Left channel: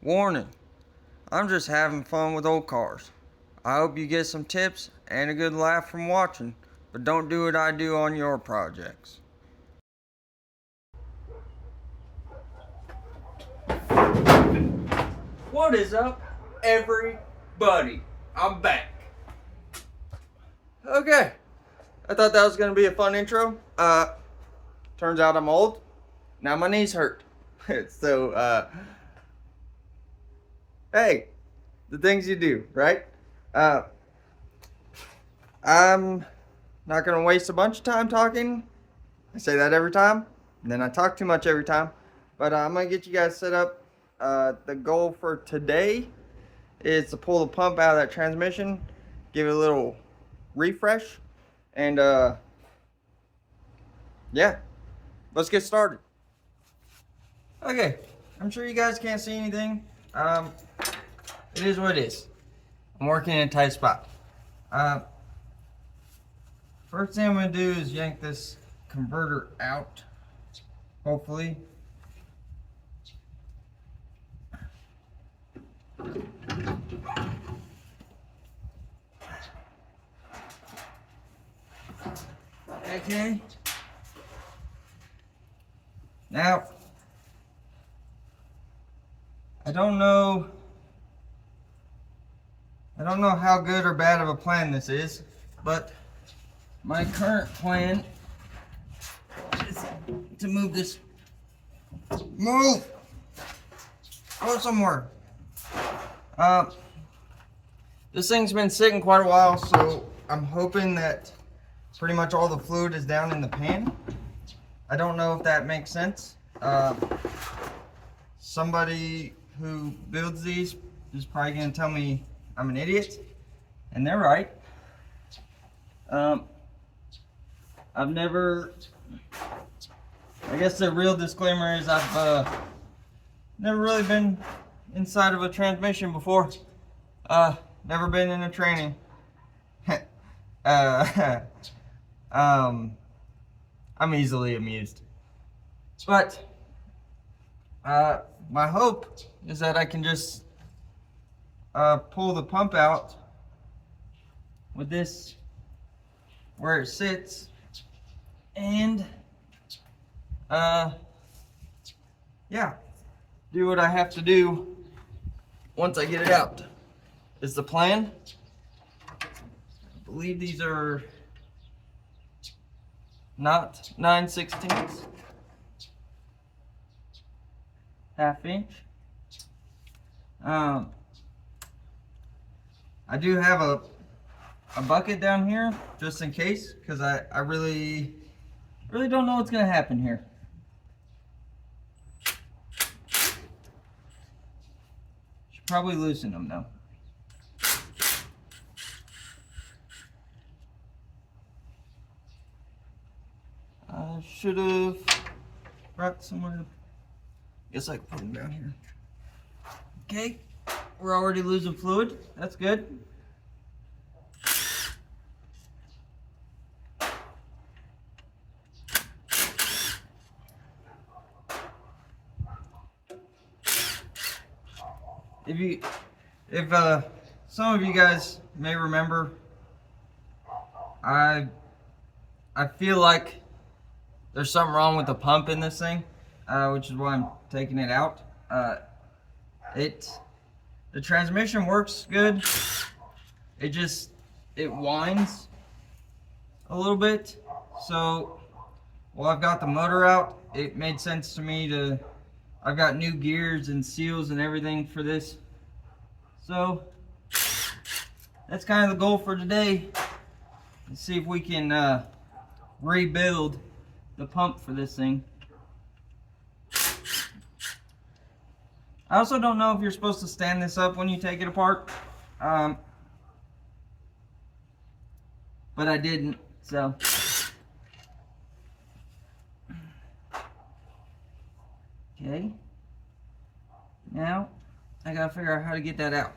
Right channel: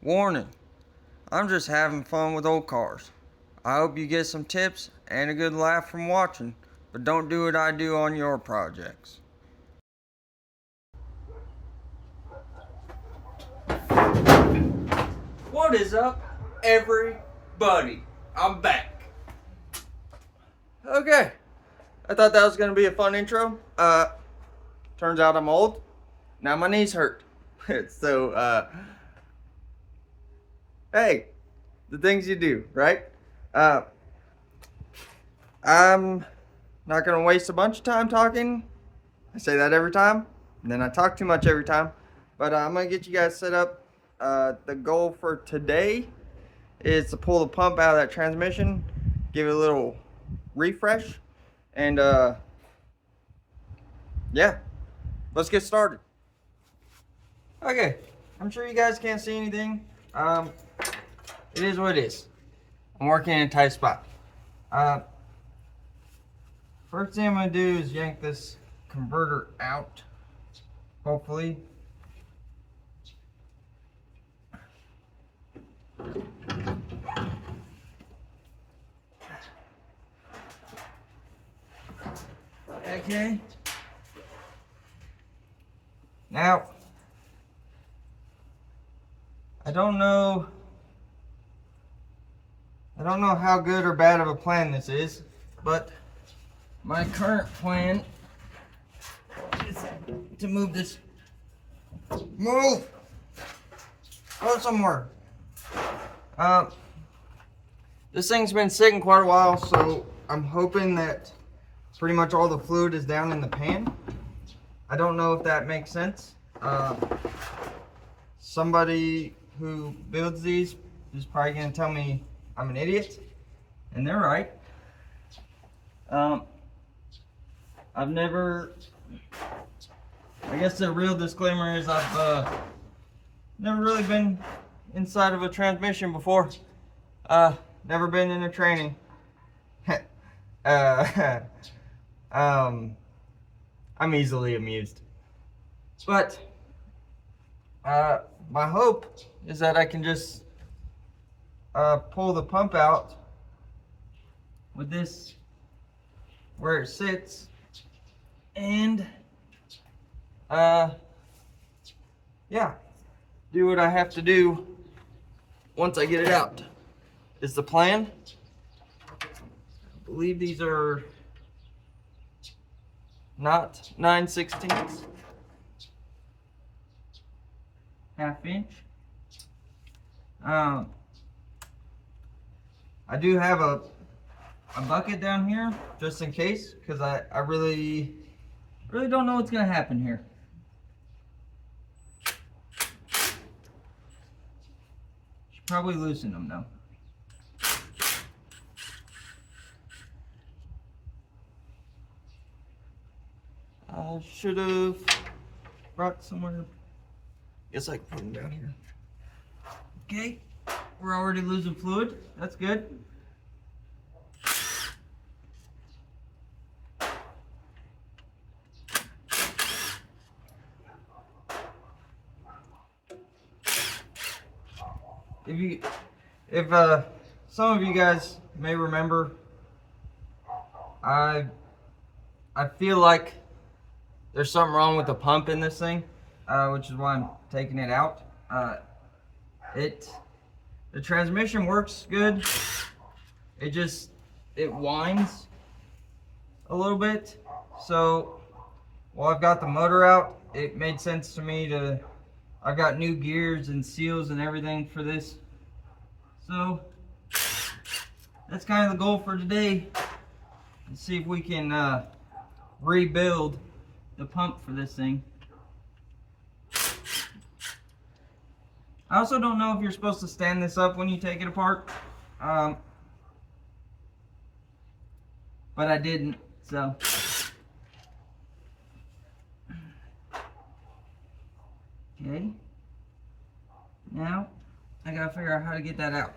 Warning, I'm just having fun with old cars. I hope you get some tips and a good laugh from watching, but don't do what I do on your projects. What is up, everybody? I'm back. Okay, I thought that was gonna be a fun intro. Turns out I'm old. Now my knees hurt. So, hey, the things you do, right? Uh, I'm not gonna waste a bunch of time talking. I say that every time, and then I talk too much every time. But I'm gonna get you guys set up. The goal for today is to pull the pump out of that transmission, give it a little refresh, and yeah, let's get started. Okay, I'm sure you guys can't see anything. It is what it is. I'm working in a tight spot. Uh, First thing I'm gonna do is yank this converter out, hopefully. Okay. Now, I don't know how good or bad of a plan this is, but my current plan is to move this. Move! Go somewhere. This thing's been sitting quite a while, so I'm hoping that pretty much all the fluid is down in the pan. I don't know if that makes sense. Somebody who builds these is probably gonna tell me I'm an idiot, and they're right. I've never, I guess the real disclaimer is I've never really been inside of a transmission before. Never been in a training. I'm easily amused. But my hope is that I can just pull the pump out with this where it sits, and yeah, do what I have to do once I get it out. Is the plan. I believe these are not 9/16, ½ inch. I do have a bucket down here just in case, because I really don't know what's gonna happen here. Should probably loosen them though. I should have brought somewhere. Guess I can put them down here. Okay, we're already losing fluid. That's good. If some of you guys may remember, I feel like there's something wrong with the pump in this thing, which is why I'm taking it out. The transmission works good. It whines a little bit. So while I've got the motor out, it made sense to me to. I've got new gears and seals and everything for this. So that's kind of the goal for today. Let's see if we can rebuild the pump for this thing. I also don't know if you're supposed to stand this up when you take it apart. But I didn't, so. Okay. Now, I gotta figure out how to get that out.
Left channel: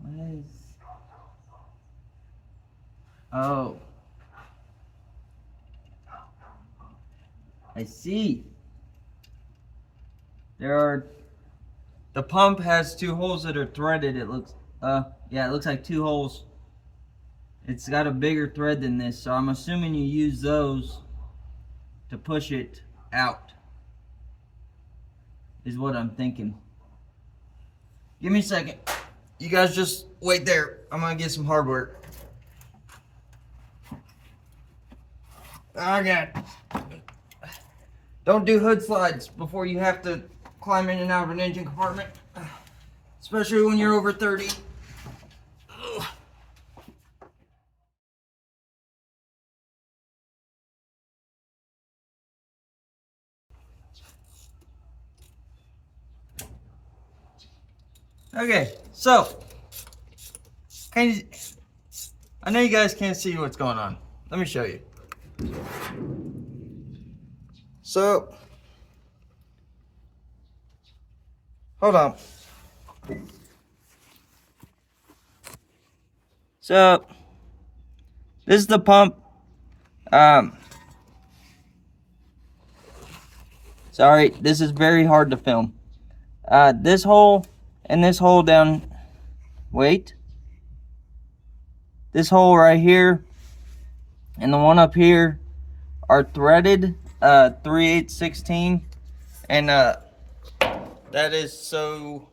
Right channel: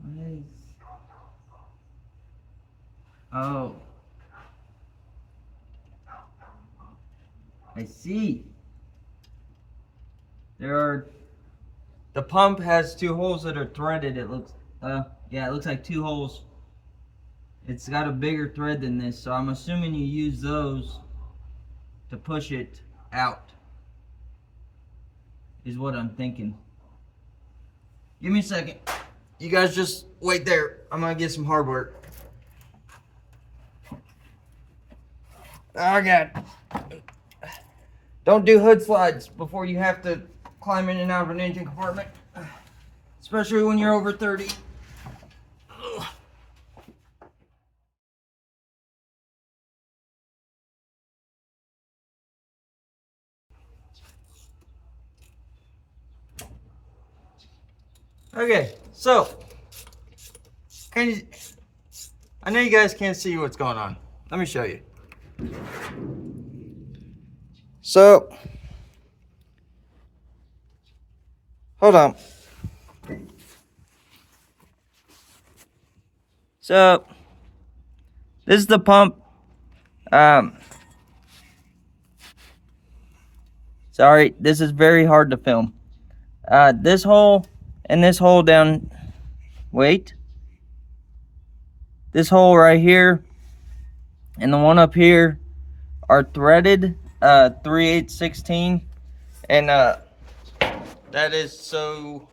What is... Oh, I see. The pump has two holes that are threaded. It looks, yeah, it looks like two holes. It's got a bigger thread than this, so I'm assuming you use those to push it out, is what I'm thinking. Give me a second. You guys just wait there. I'm gonna get some hardware. Okay. Don't do hood slides before you have to climb in and out of an engine compartment, especially when you're over 30. Okay, so I know you guys can't see what's going on. Let me show you. So, hold on. So, this is the pump. Sorry, this is very hard to film. This hole and this hole down, wait. This hole right here and the one up here are threaded 3/8/16, and that is so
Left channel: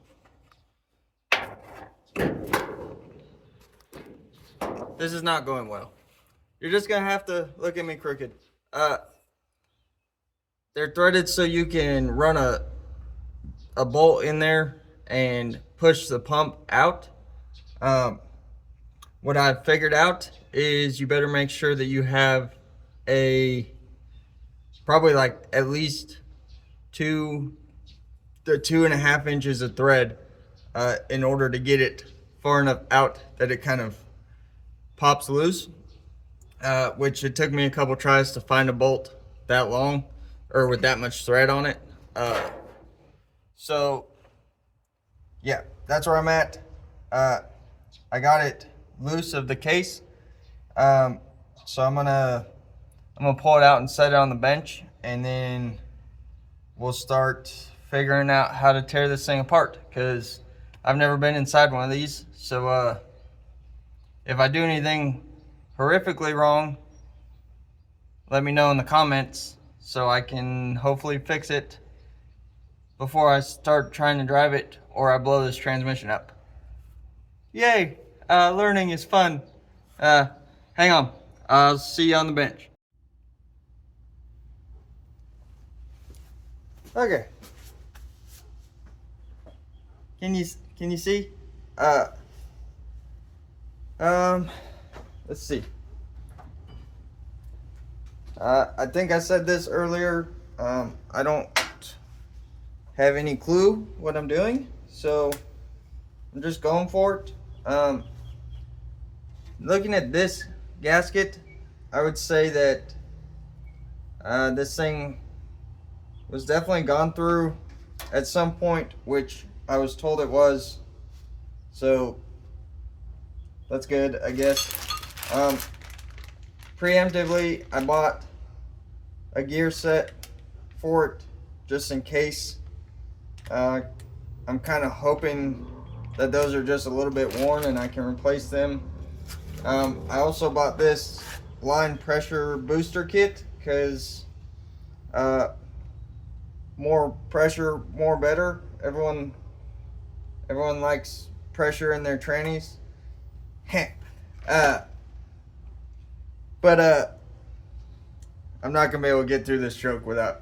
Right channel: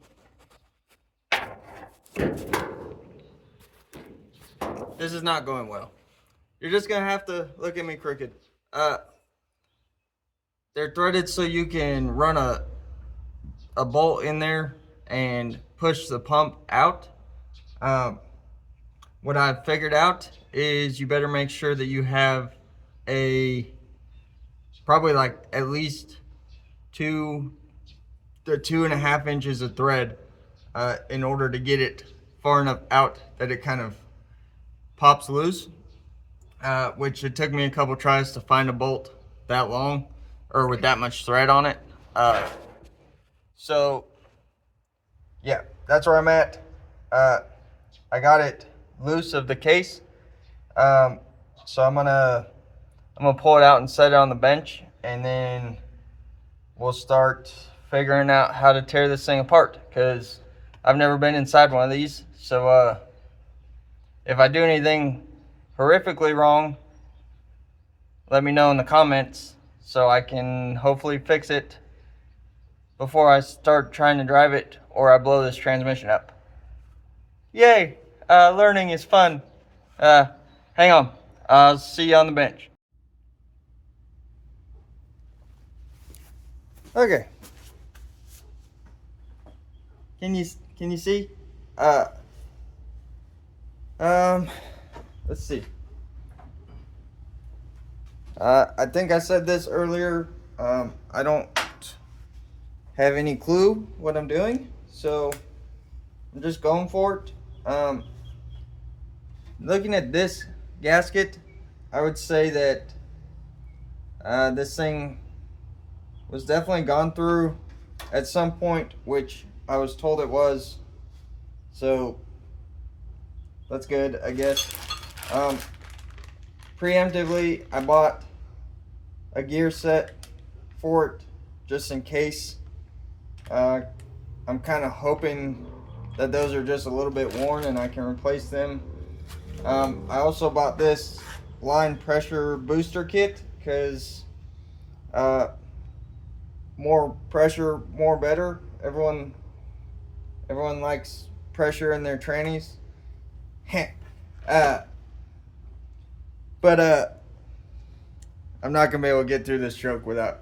this is not going well. You're just gonna have to look at me crooked. They're threaded so you can run a bolt in there and push the pump out. What I've figured out is you better make sure that you have probably like at least 2 to 2.5 inches of thread in order to get it far enough out that it kind of pops loose, which it took me a couple tries to find a bolt that long or with that much thread on it. So yeah, that's where I'm at. I got it loose of the case, so I'm gonna pull it out and set it on the bench, and then we'll start figuring out how to tear this thing apart, because I've never been inside one of these. So if I do anything horrifically wrong, let me know in the comments so I can hopefully fix it before I start trying to drive it or I blow this transmission up. Yay! Learning is fun. Hang on. I'll see you on the bench. Okay. Can you see? Let's see. I think I said this earlier. I don't have any clue what I'm doing, so I'm just going for it. Looking at this gasket, I would say that this thing was definitely gone through at some point, which I was told it was. So that's good, I guess. Preemptively, I bought a gear set for it just in case. I'm kind of hoping that those are just a little bit worn and I can replace them. I also bought this line pressure booster kit because more pressure, more better. Everyone likes pressure in their trannies. But I'm not gonna be able to get through this joke without.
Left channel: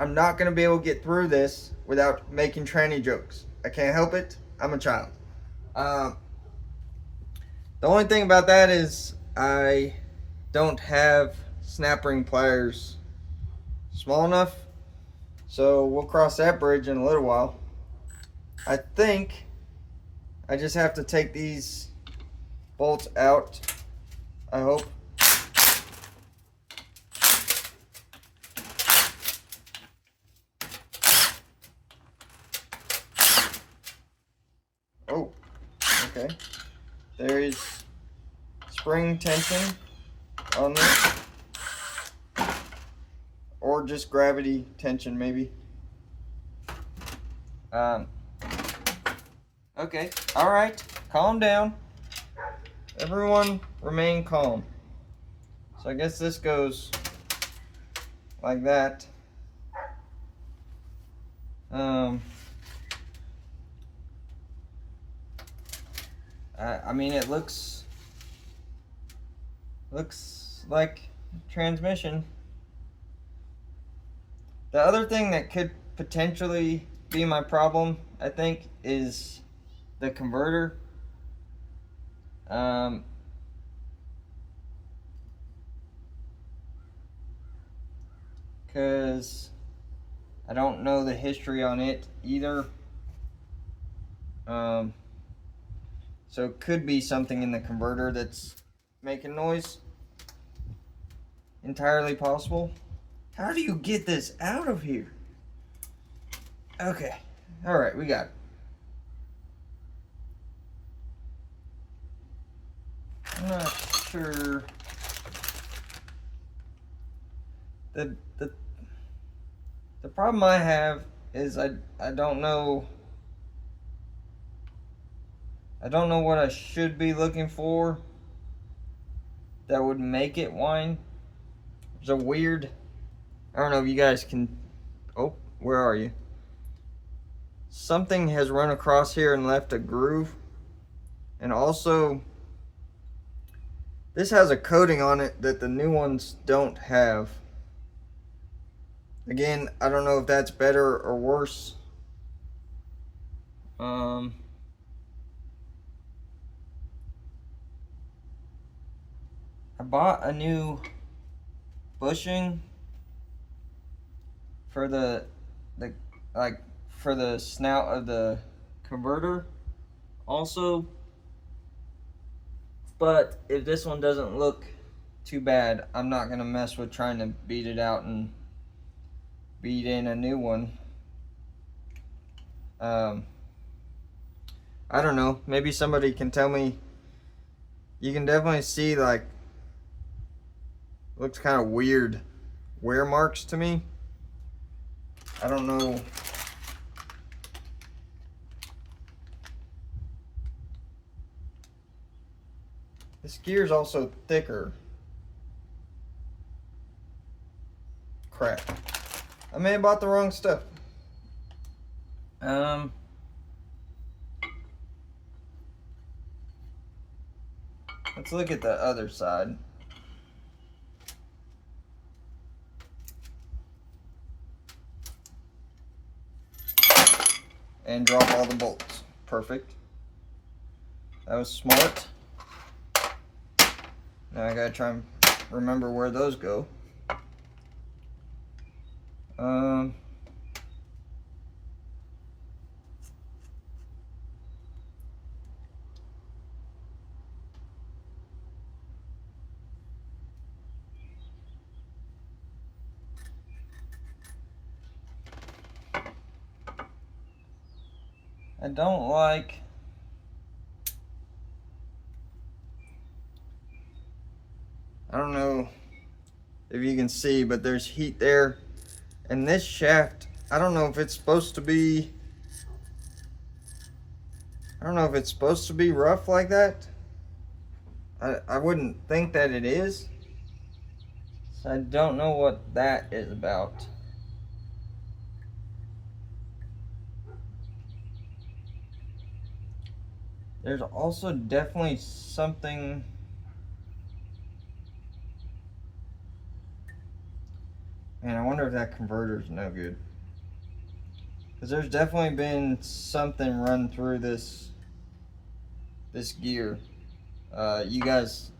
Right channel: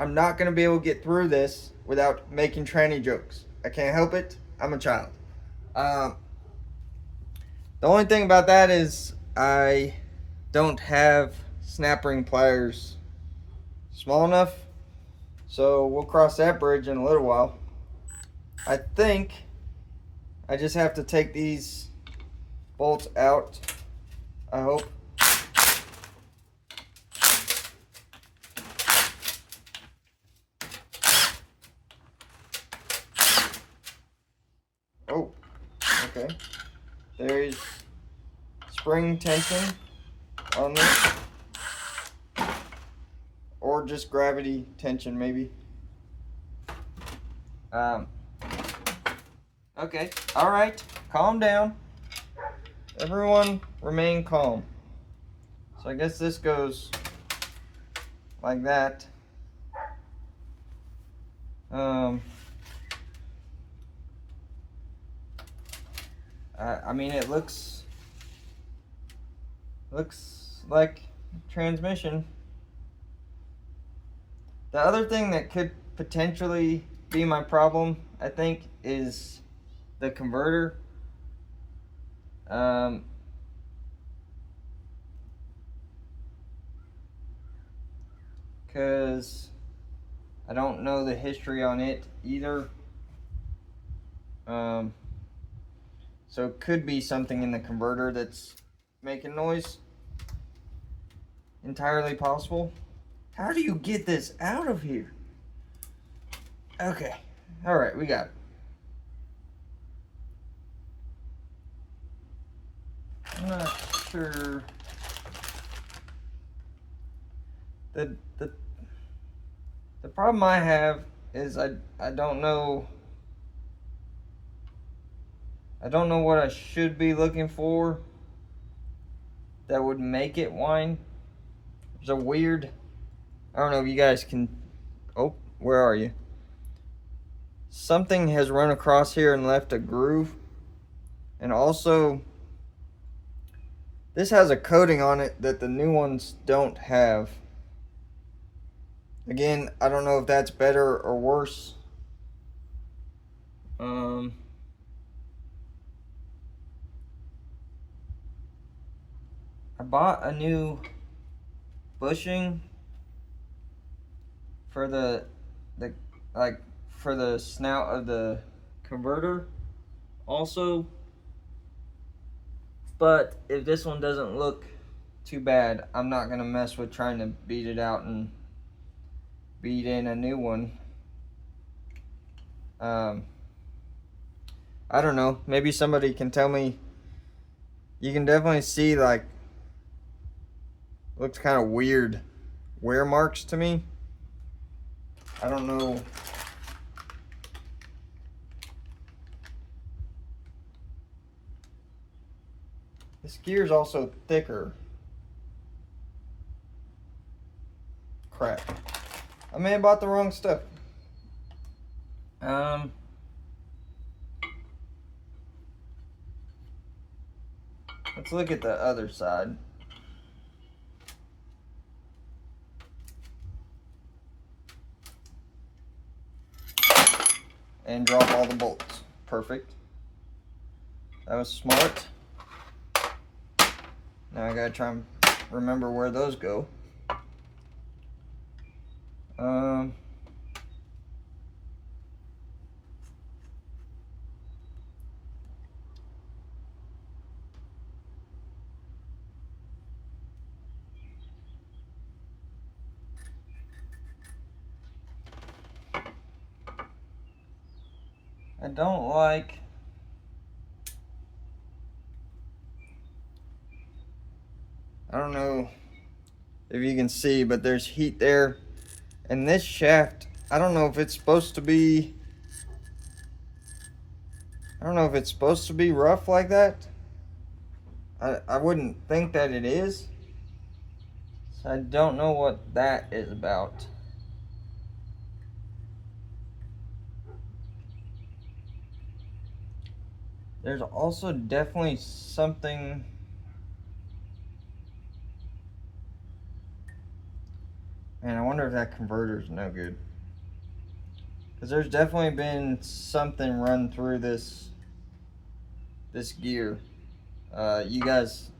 I'm not gonna be able to get through this without making tranny jokes. I can't help it. I'm a child. The only thing about that is I don't have snap ring pliers small enough, so we'll cross that bridge in a little while. I think I just have to take these bolts out, I hope. Oh, okay. there is spring tension on this, or just gravity tension maybe. Okay, all right, calm down. Everyone remain calm. So I guess this goes like that. I mean, it looks like transmission. The other thing that could potentially be my problem, I think, is the converter. Because I don't know the history on it either. So it could be something in the converter that's making noise. Entirely possible. How do you get this out of here? Okay. Alright, we got it. I'm not sure. The problem I have is I don't know. I don't know what I should be looking for that would make it whine. There's a weird, I don't know if you guys can, oh, where are you? Something has run across here and left a groove. And also, this has a coating on it that the new ones don't have. Again, I don't know if that's better or worse. I bought a new bushing for the for the snout of the converter also, but if this one doesn't look too bad, I'm not gonna mess with trying to beat it out and beat in a new one. I don't know, maybe somebody can tell me. You can definitely see, like, looks kind of weird wear marks to me. I don't know. This gear is also thicker. Crap. I may have bought the wrong stuff. Let's look at the other side. And drop all the bolts. Perfect. That was smart. Now I gotta try and remember where those go. I don't like I don't know if you can see, but there's heat there. And this shaft, I don't know if it's supposed to be rough like that. I wouldn't think that it is. So I don't know what that is about. There's also definitely something. Man, I wonder if that converter's no good. Because there's definitely been something run through this gear. You guys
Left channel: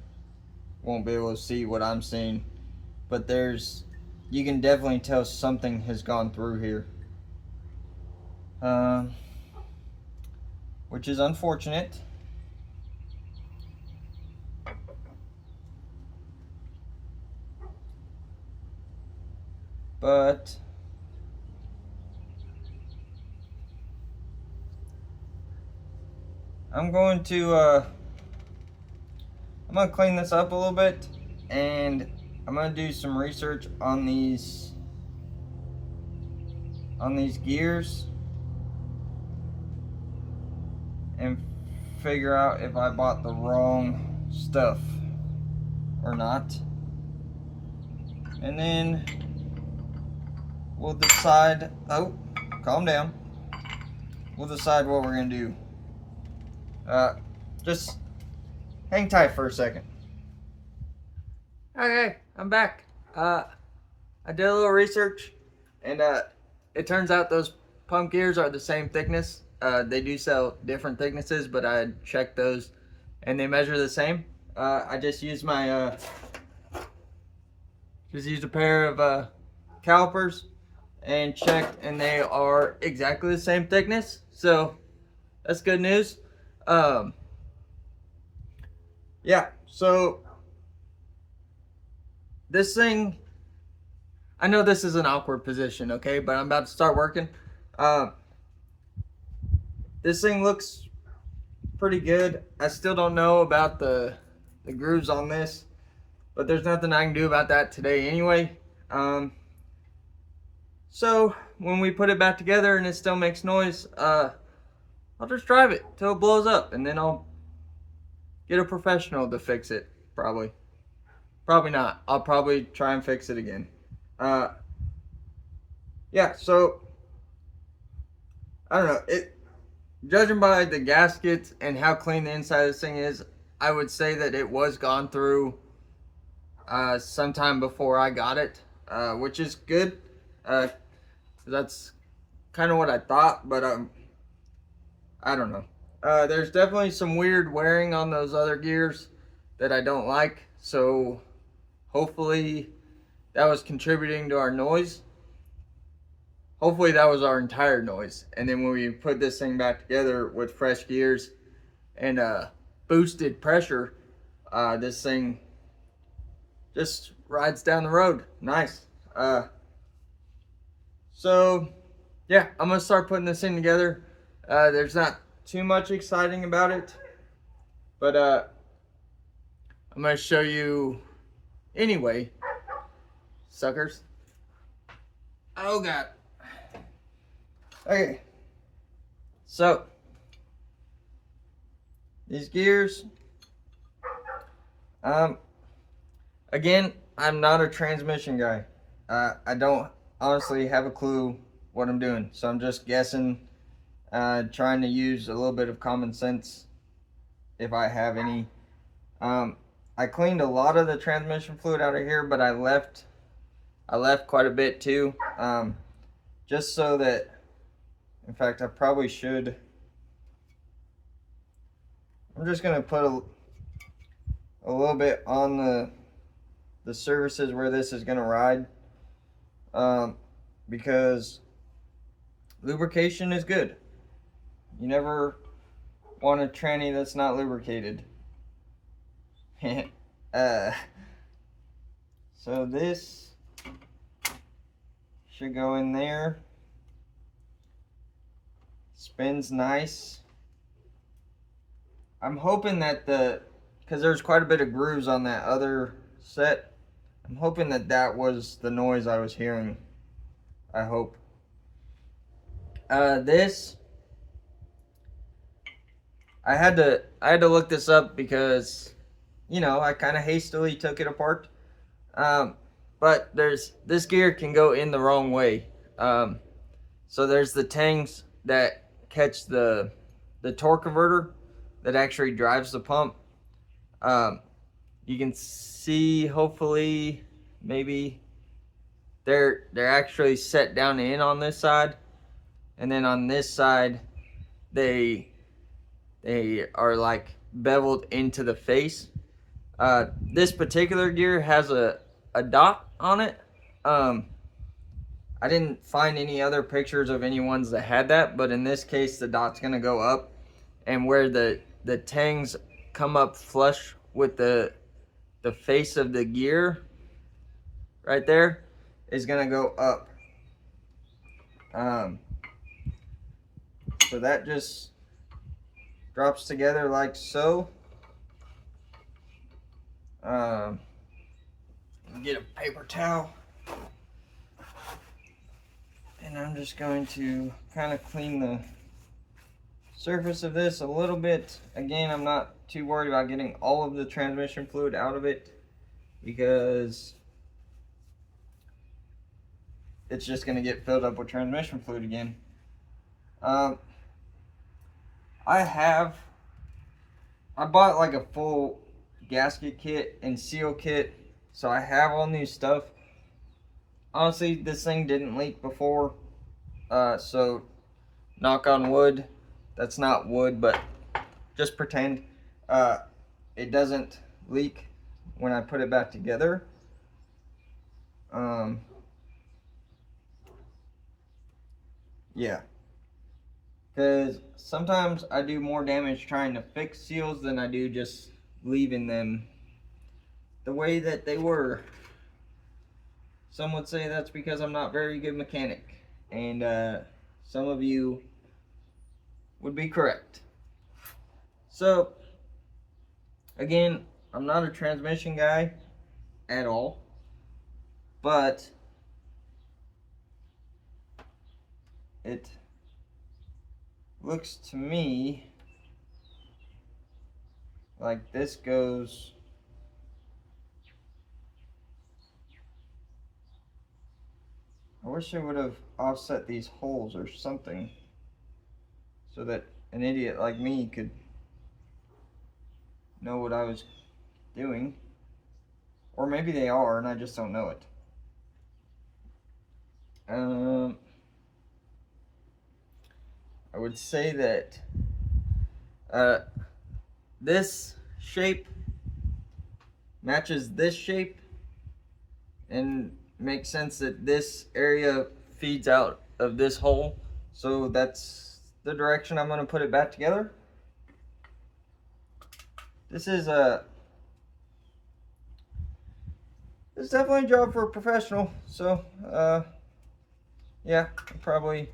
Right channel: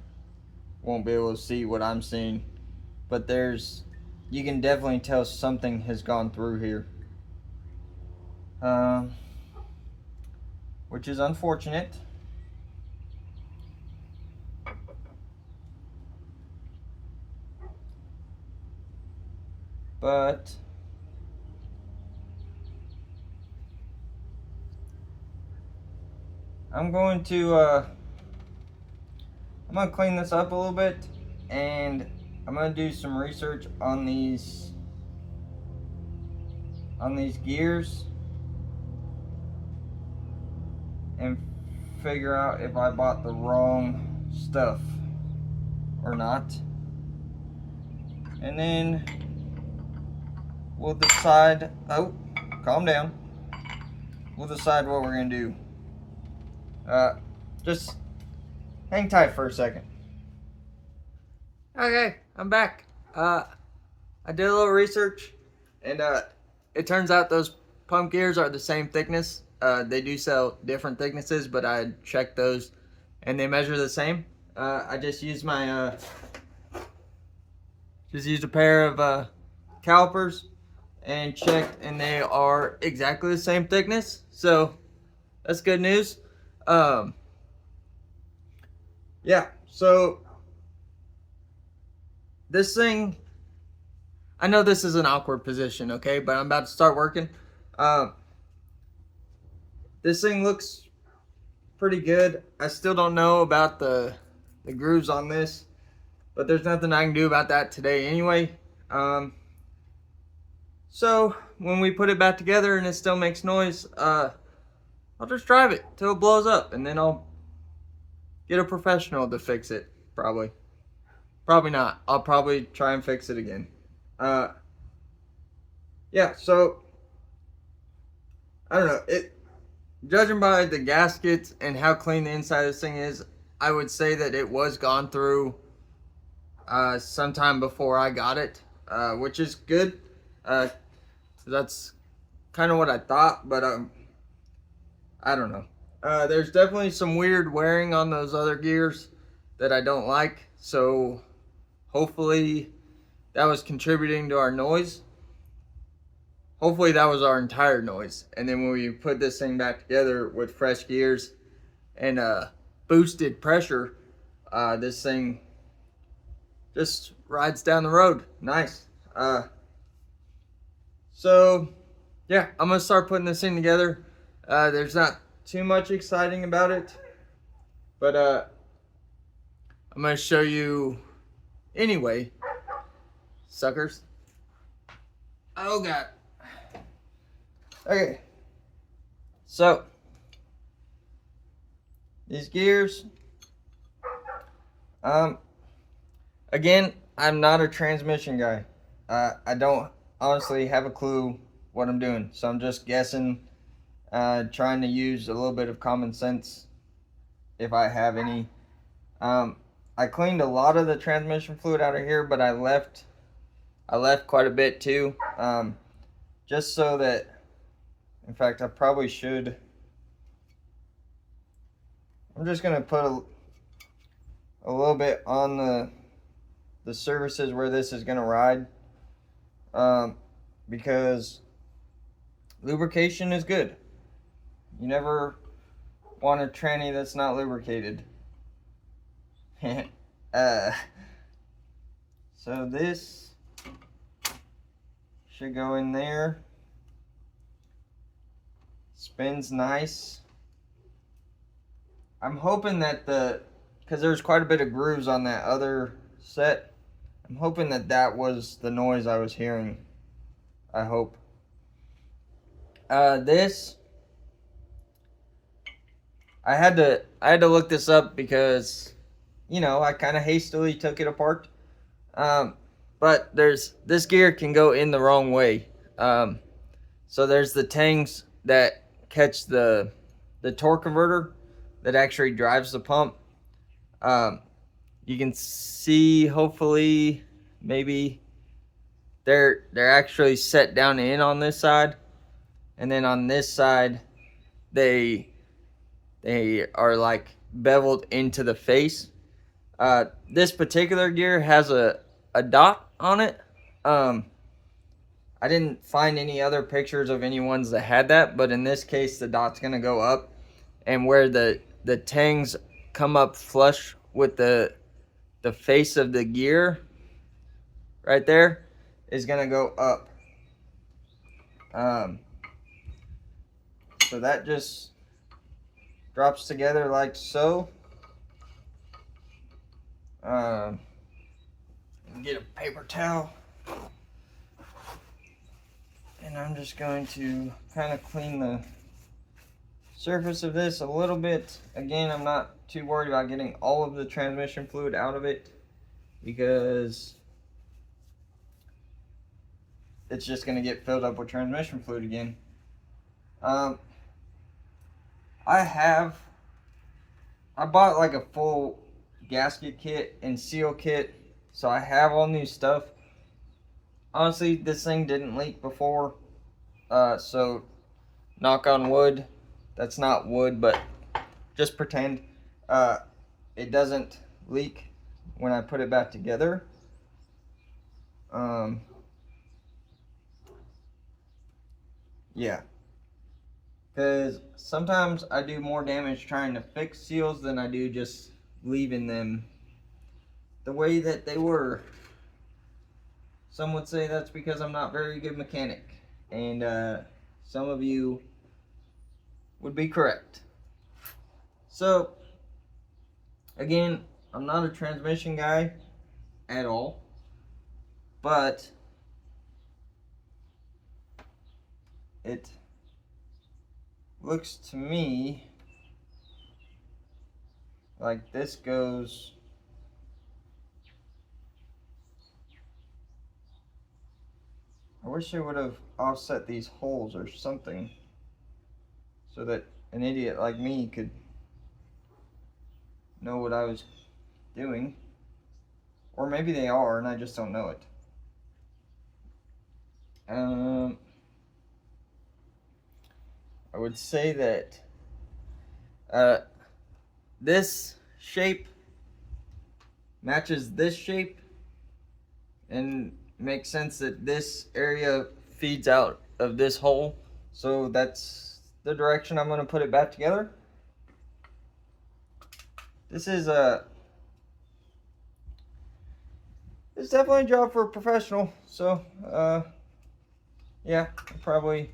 won't be able to see what I'm seeing, but you can definitely tell something has gone through here. Which is unfortunate. But I'm going to I'm gonna clean this up a little bit, and I'm gonna do some research on these gears and figure out if I bought the wrong stuff or not. And then we'll decide, oh, calm down. We'll decide what we're gonna do. Just hang tight for a second. Okay, I'm back. I did a little research, and it turns out those pump gears are the same thickness. They do sell different thicknesses, but I checked those, and they measure the same. I just used my a pair of calipers and checked, and they are exactly the same thickness. So that's good news. Yeah. So this thing, I know this is an awkward position, okay, but I'm about to start working. This thing looks pretty good. I still don't know about the grooves on this, but there's nothing I can do about that today anyway. So when we put it back together and it still makes noise, I'll just drive it till it blows up, and then I'll get a professional to fix it. Probably not. I'll probably try and fix it again. Yeah, so I don't know. Judging by the gaskets and how clean the inside of this thing is, I would say that it was gone through sometime before I got it, which is good. That's kind of what I thought, but I don't know. There's definitely some weird wearing on those other gears that I don't like, so hopefully that was contributing to our noise. Hopefully that was our entire noise. And then when we put this thing back together with fresh gears and boosted pressure, this thing just rides down the road. Nice. So yeah, I'm gonna start putting this thing together. There's not too much exciting about it, but I'm gonna show you anyway, suckers. Oh God. Okay, so these gears, again, I'm not a transmission guy. I don't honestly have a clue what I'm doing, so I'm just guessing, trying to use a little bit of common sense if I have any. I cleaned a lot of the transmission fluid out of here, but I left quite a bit too, just so that, in fact, I probably should. I'm just gonna put a little bit on the surfaces where this is gonna ride, because lubrication is good. You never want a tranny that's not lubricated. So this should go in there. Spins nice. I'm hoping that because there's quite a bit of grooves on that other set, I'm hoping that was the noise I was hearing. I hope. This, I had to look this up because, you know, I kind of hastily took it apart. But this gear can go in the wrong way. So there's the tangs that catch the torque converter that actually drives the pump. You can see, hopefully, maybe they're actually set down in on this side, and then on this side they are like beveled into the face. This particular gear has a dot on it. I didn't find any other pictures of any ones that had that, but in this case the dot's gonna go up, and where the tangs come up flush with the face of the gear right there is gonna go up. So that just drops together like so. Get a paper towel. And I'm just going to kind of clean the surface of this a little bit. Again, I'm not too worried about getting all of the transmission fluid out of it because it's just going to get filled up with transmission fluid again. I bought like a full gasket kit and seal kit, so I have all new stuff. Honestly, this thing didn't leak before, so knock on wood. That's not wood, but just pretend it doesn't leak when I put it back together. Yeah, because sometimes I do more damage trying to fix seals than I do just leaving them the way that they were. Some would say that's because I'm not very good mechanic, and some of you would be correct. So again, I'm not a transmission guy at all, but it looks to me like this goes I wish I would have offset these holes or something so that an idiot like me could know what I was doing. Or maybe they are and I just don't know it. I would say that this shape matches this shape and makes sense that this area feeds out of this hole. So that's the direction I'm going to put it back together. This is definitely a job for a professional. So yeah, I probably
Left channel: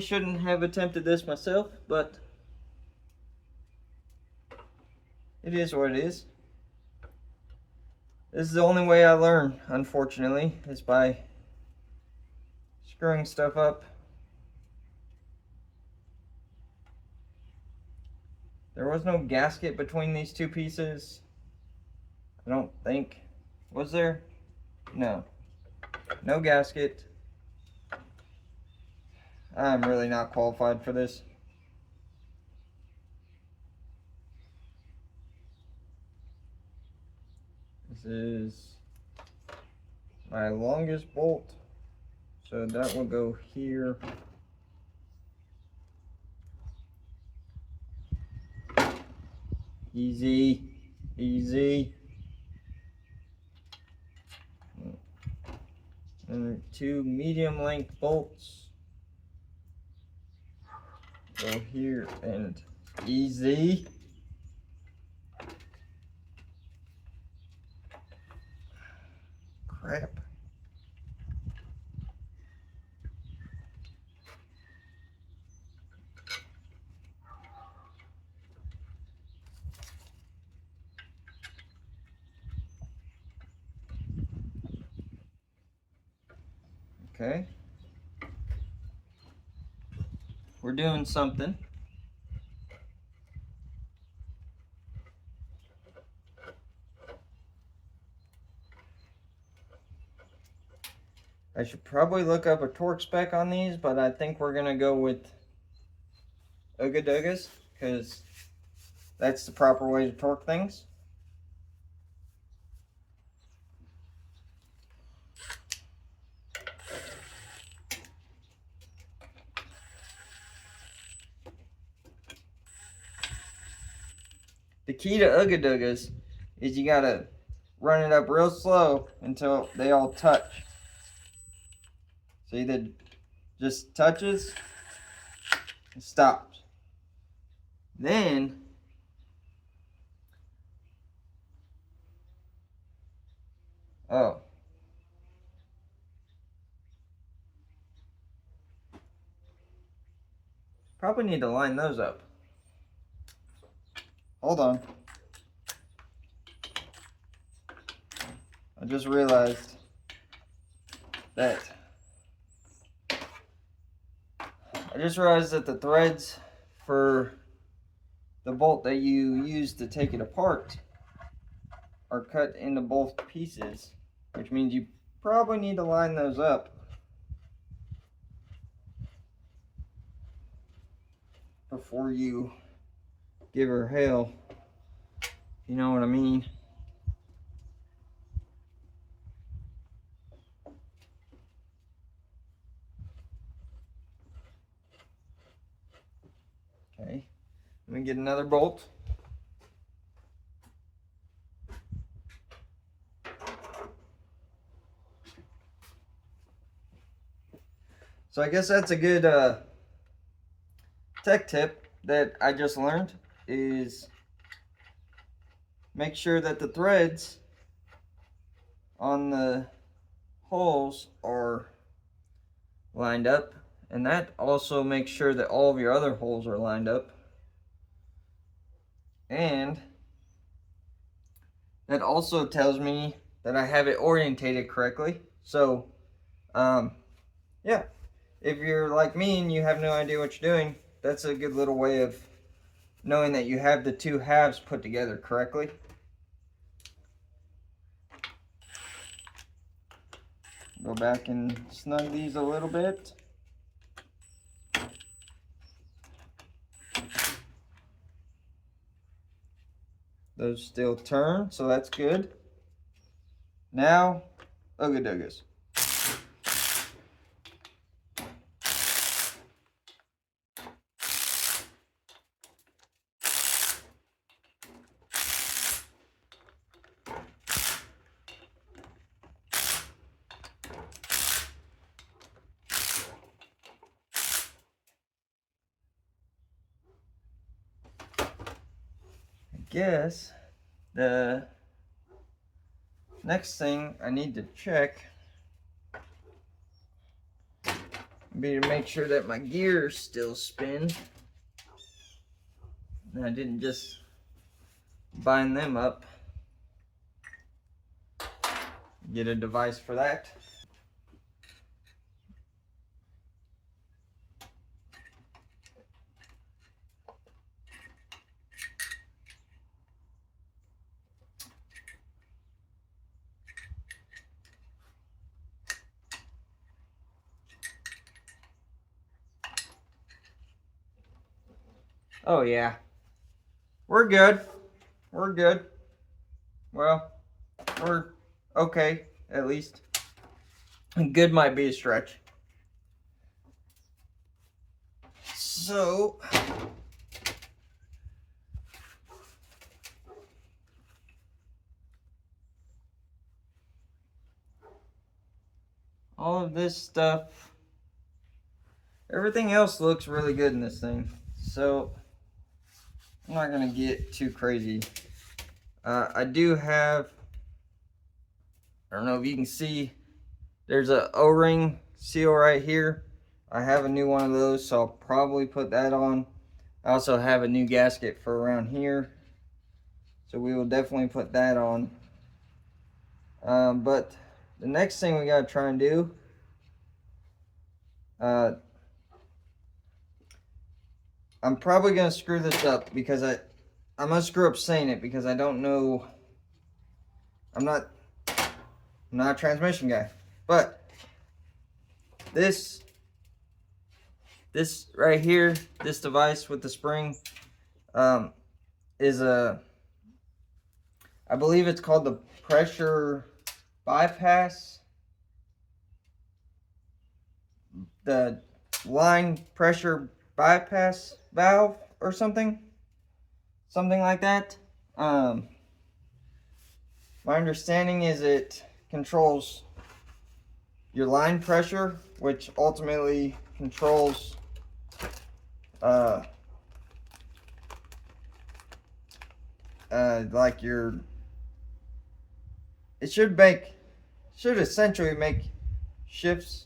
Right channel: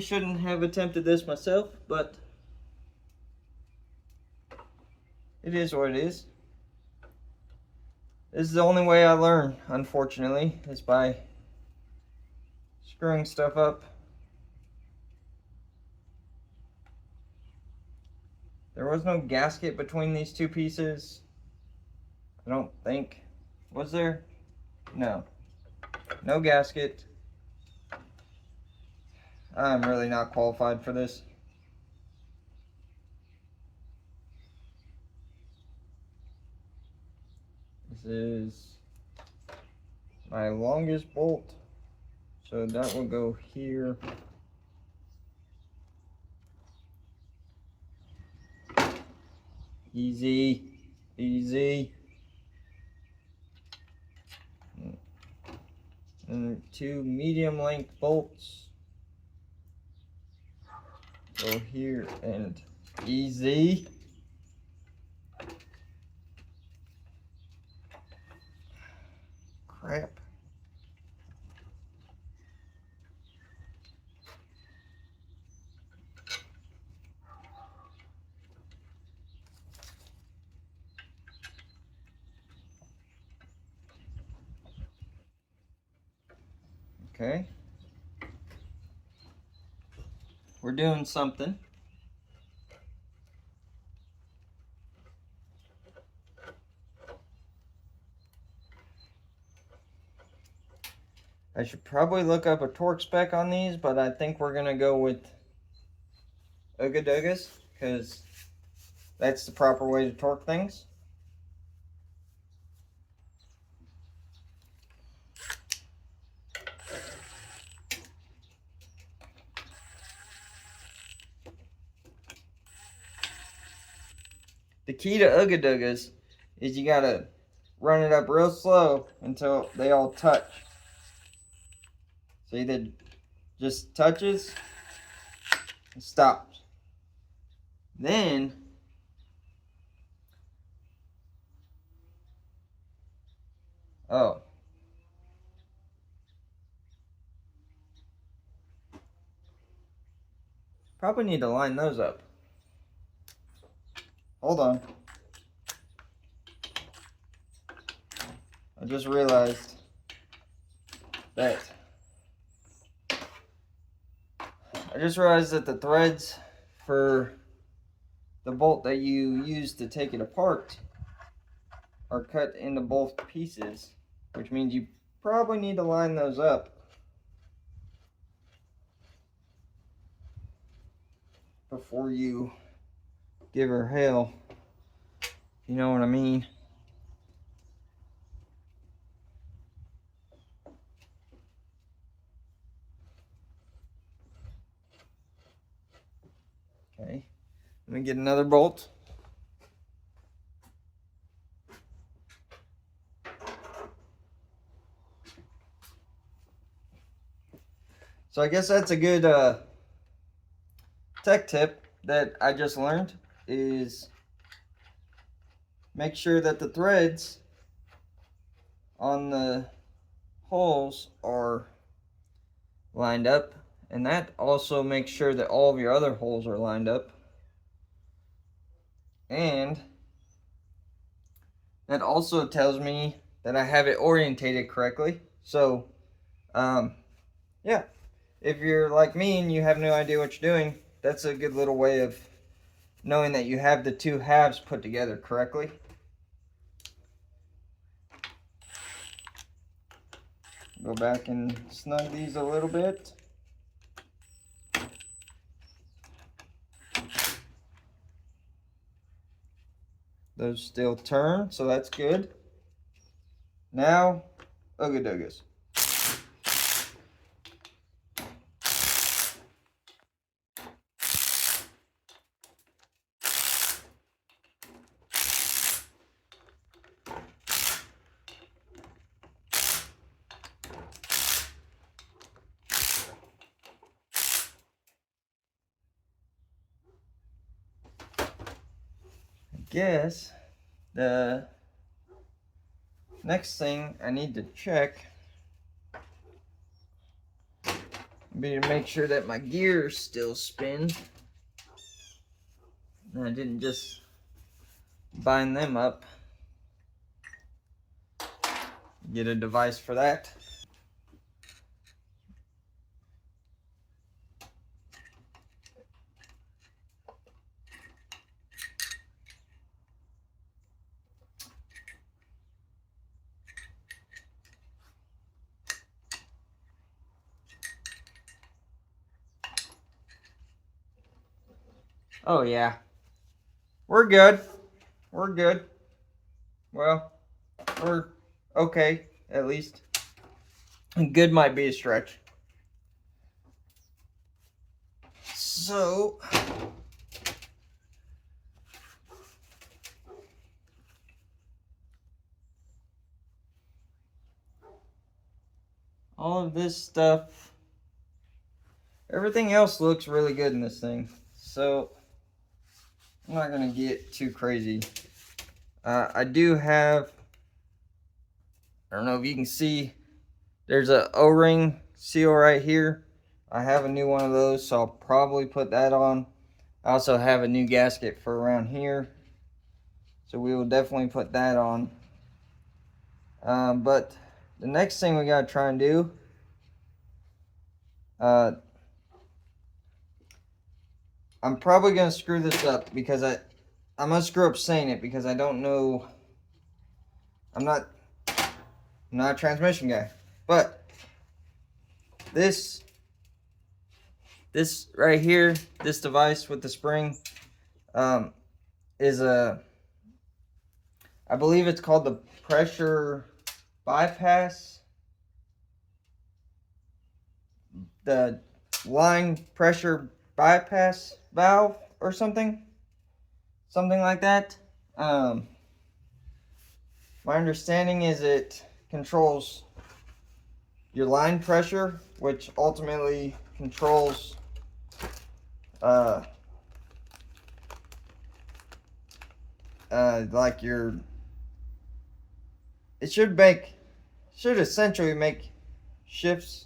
shouldn't have attempted this myself, but it is what it is. This is the only way I learn, unfortunately, is by screwing stuff up. There was no gasket between these two pieces. I don't think. Was there? No. No gasket. I'm really not qualified for this. This is my longest bolt. So that will go here. Easy. Easy. And 2 medium length bolts go here and easy. Crap. Okay. We're doing something. I should probably look up a torque spec on these, but I think we're gonna go with Ooga because that's the proper way to torque things. The key to Ooga is you gotta run it up real slow until they all touch. See, that just touches and stops. Then probably need to line those up. Hold on. just realized that the threads for the bolt that you use to take it apart are cut into both pieces, which means you probably need to line those up before you give her hell. You know what I mean? Okay, let me get another bolt. So I guess that's a good tech tip that I just learned, is make sure that the threads on the holes are lined up, and that also makes sure that all of your other holes are lined up, and that also tells me that I have it orientated correctly. So yeah, if you're like me and you have no idea what you're doing, that's a good little way of knowing that you have the two halves put together correctly. Go back and snug these a little bit. Those still turn, so that's good. Now, Ugga Duggas. Guess the next thing I need to check would be to make sure that my gears still spin and I didn't just bind them up. Get a device for that. Oh yeah, we're good. We're good. Well, we're okay, at least. Good might be a stretch. So, all of this stuff, everything else looks really good in this thing. So, I'm not gonna get too crazy. I do have, I don't know if you can see, there's a O-ring seal right here. I have a new one of those, so I'll probably put that on. I also have a new gasket for around here, so we will definitely put that on. But the next thing we gotta try and do, I'm probably gonna screw this up because I'm gonna screw up saying it because I don't know. I'm not a transmission guy, but this right here, this device with the spring, is a, I believe it's called the pressure bypass, the line pressure bypass valve or something like that. My understanding is it controls your line pressure, which ultimately controls like your, it should essentially make shifts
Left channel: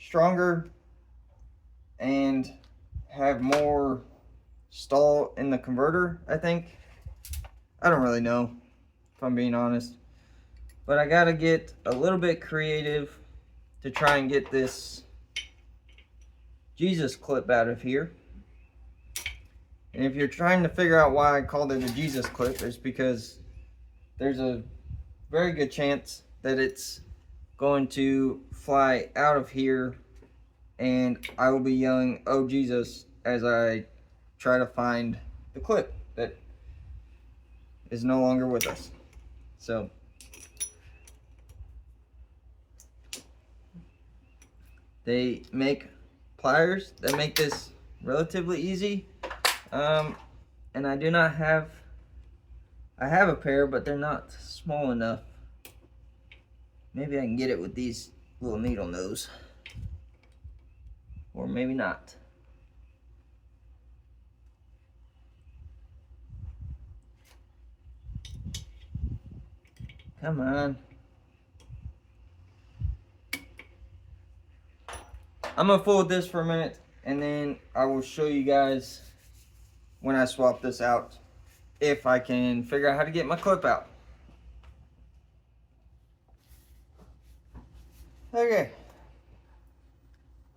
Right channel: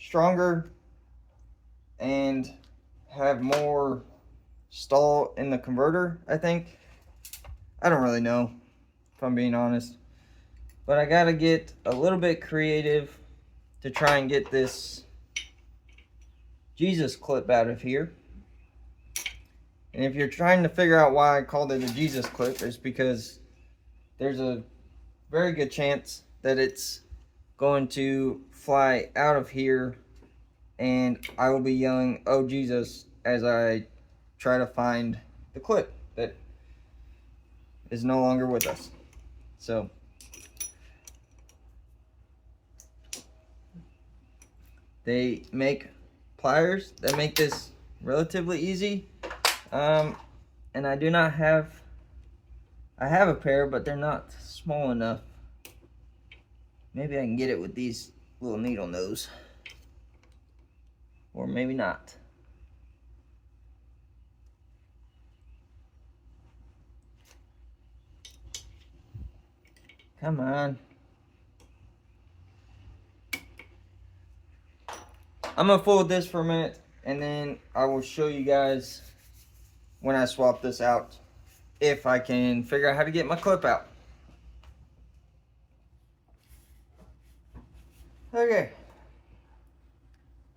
stronger and have more stall in the converter, I think. I don't really know. if I'm being honest. But I gotta get a little bit creative to try and get this Jesus clip out of here. And if you're trying to figure out why I called it a Jesus clip, it's because there's a very good chance that it's going to fly out of here and I will be yelling, "Oh Jesus," as I try to find the clip that is no longer with us. So they make pliers that make this relatively easy. And I do not have, I have a pair, but they're not small enough. Maybe I can get it with these little needle nose. Or maybe not. Come on. I'm gonna fool with this for a minute, and then I will show you guys when I swap this out, if I can figure out how to get my clip out. Okay.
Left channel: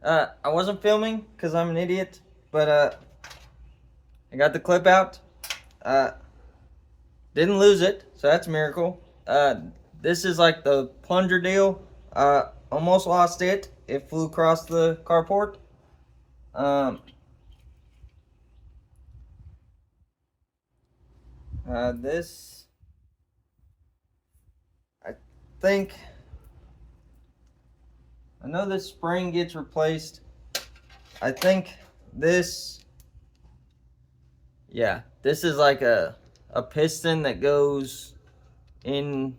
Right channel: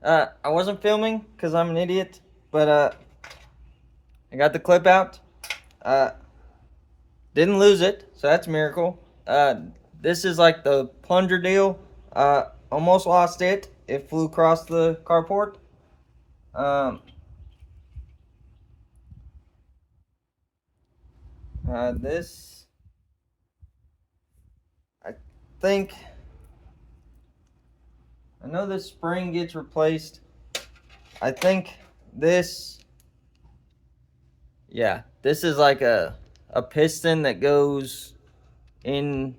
I wasn't filming because I'm an idiot, but I got the clip out. Didn't lose it, so that's a miracle. This is like the plunger deal. Almost lost it. It flew across the carport. This, I think, I know this spring gets replaced. I think this, yeah, this is like a piston that goes in,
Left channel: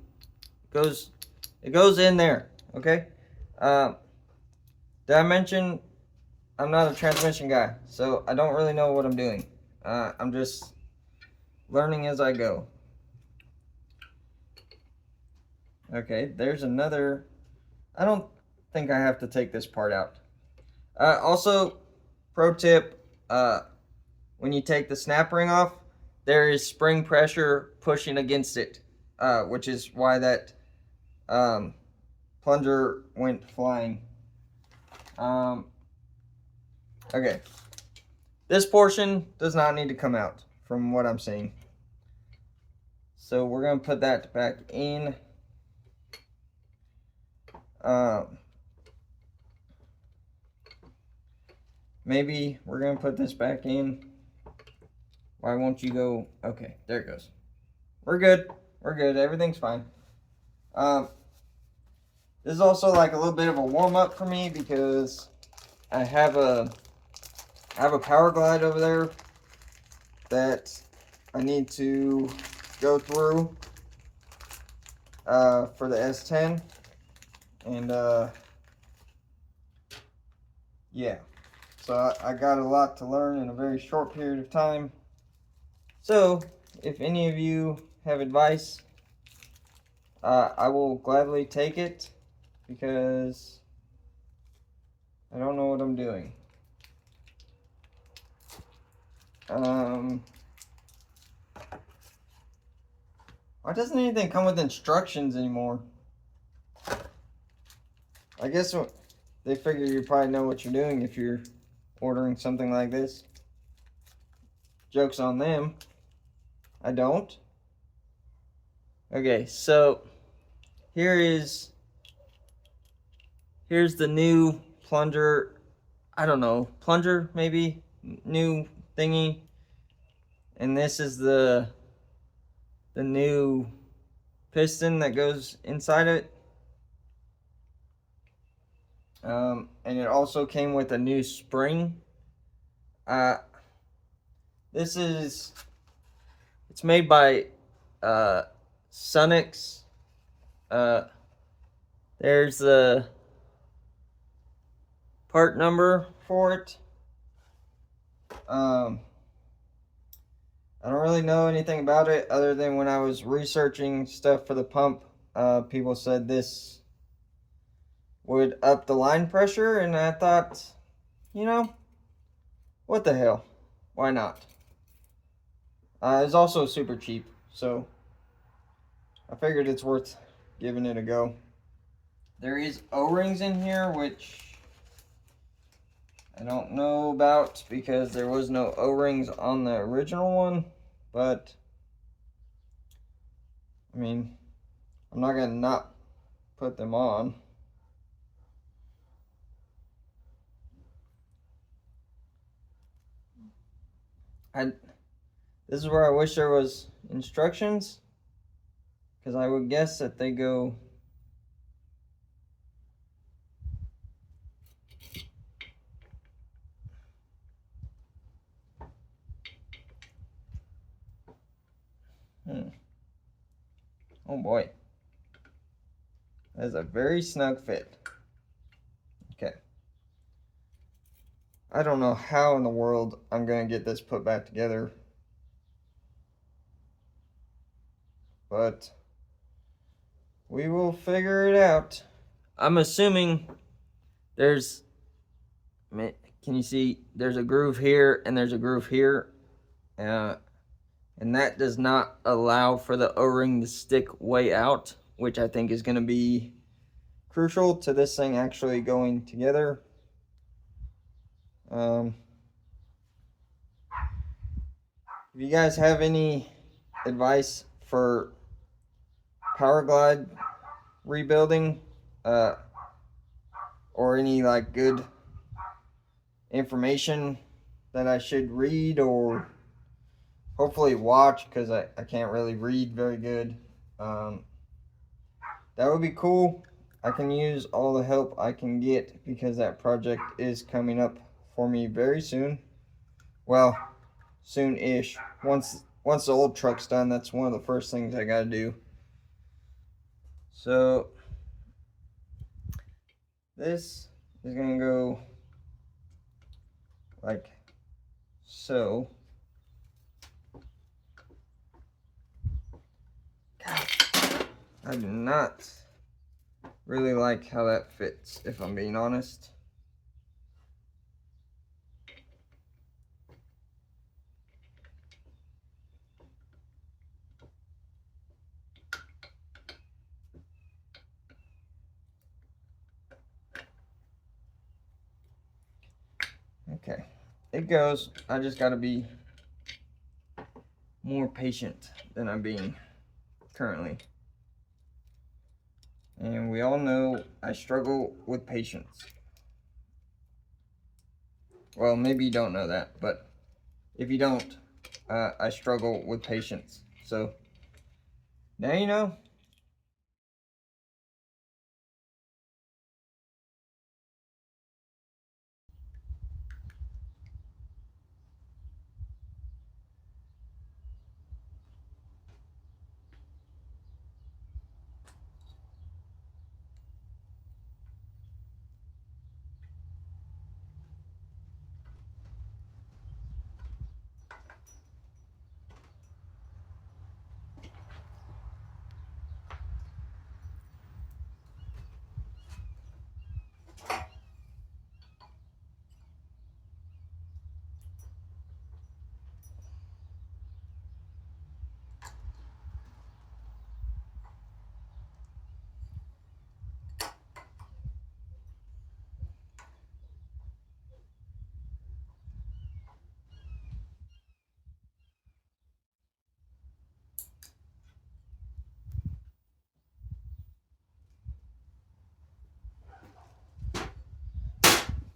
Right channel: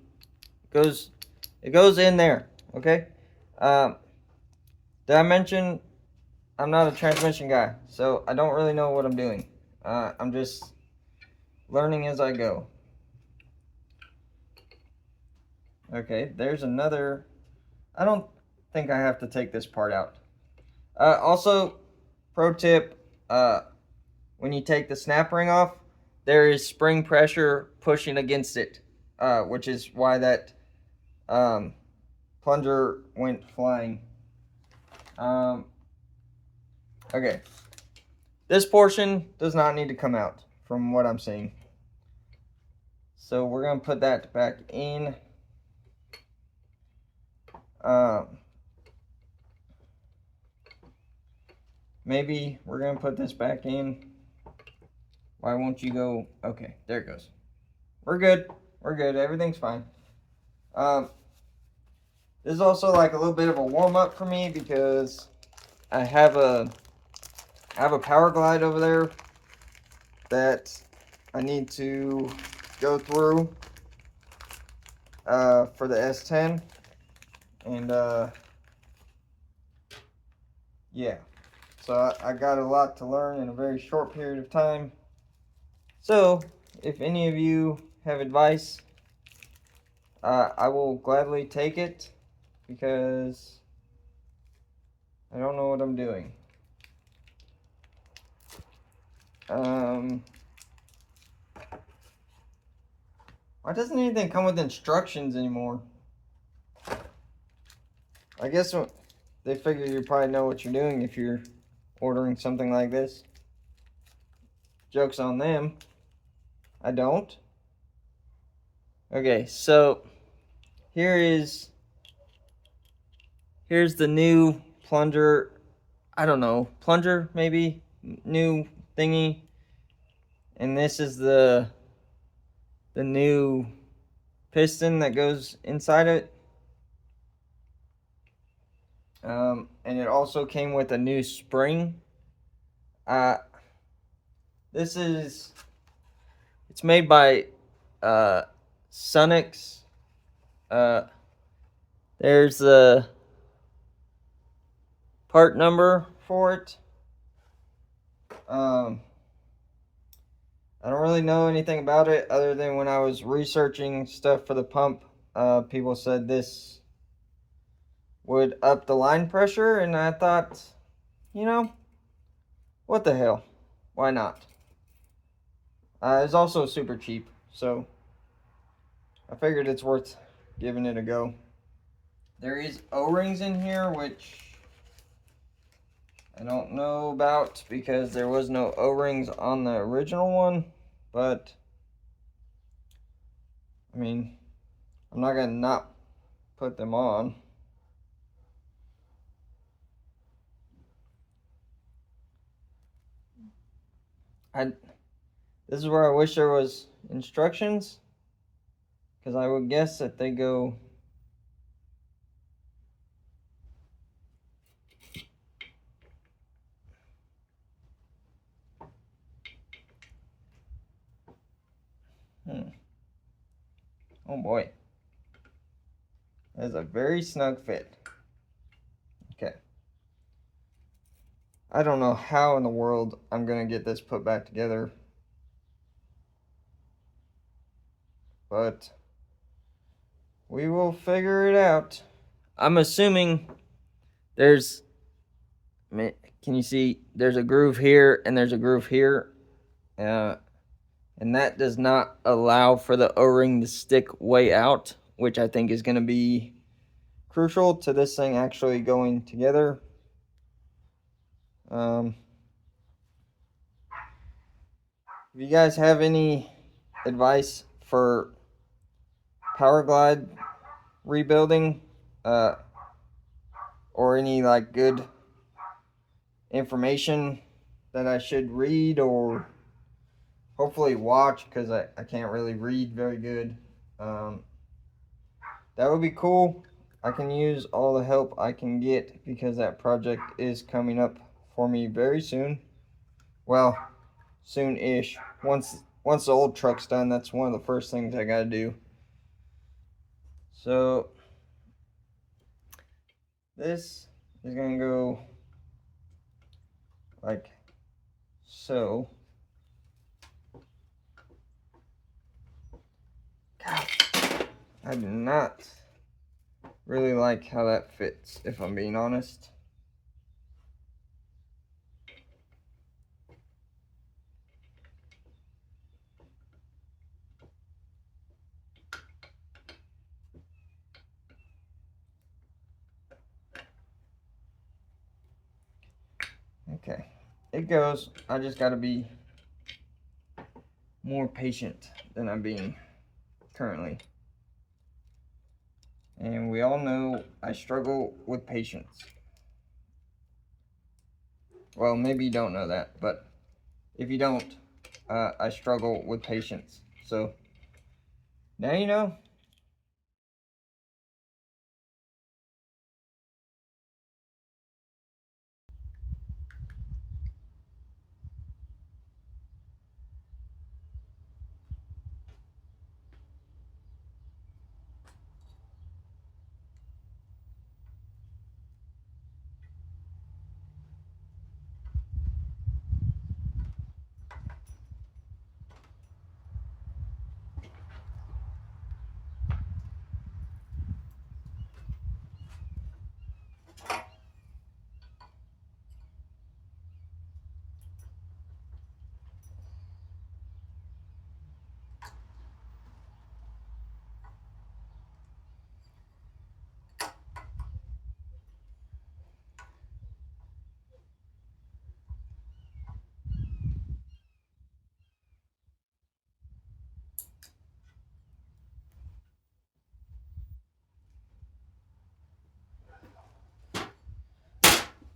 it goes in there, okay? Did I mention I'm not a transmission guy, so I don't really know what I'm doing. I'm just learning as I go. Okay, there's another. I don't think I have to take this part out. Also, pro tip, when you take the snap ring off, there is spring pressure pushing against it, which is why that plunger went flying. Okay, this portion does not need to come out from what I'm seeing. So we're going to put that back in. Maybe we're going to put this back in. Why won't you go? Okay, there it goes. We're good. We're good. Everything's fine. This is also like a little bit of a warm-up for me because I have a power glide over there that I need to go through for the S10, and yeah, so I got a lot to learn in a very short period of time. So if any of you have advice, I will gladly take it because I don't know what I'm doing. Why doesn't anything come with instructions anymore? I guess they figure you probably know what you're doing if you're ordering something like this. Joke's on them. I don't. Okay, so here's the new plunger. I don't know, plunger maybe, new thingy. And this is the new piston that goes inside it. And it also came with a new spring. This is, it's made by Sunix. There's the part number for it. I don't really know anything about it other than when I was researching stuff for the pump, people said this would up the line pressure, and I thought, you know, what the hell? Why not? It's also super cheap, so I figured it's worth giving it a go. There is O-rings in here, which I don't know about because there was no O-rings on the original one, but I mean, I'm not gonna not put them on. This is where I wish there was instructions, because I would guess that they go oh boy, that's a very snug fit. Okay, I don't know how in the world I'm gonna get this put back together, but we will figure it out. I'm assuming there's, can you see, there's a groove here and there's a groove here, and that does not allow for the O-ring to stick way out, which I think is going to be crucial to this thing actually going together. If you guys have any advice for power glide rebuilding, or any like good information that I should read or hopefully watch, because I can't really read very good, that would be cool. I can use all the help I can get because that project is coming up for me very soon. Well, soon-ish. Once the old truck's done, that's one of the first things I gotta do. So this is gonna go like so. God, I do not really like how that fits, if I'm being honest. Okay, it goes. I just gotta be more patient than I'm being currently. And we all know I struggle with patience. Well, maybe you don't know that, but if you don't, I struggle with patience. So now you know.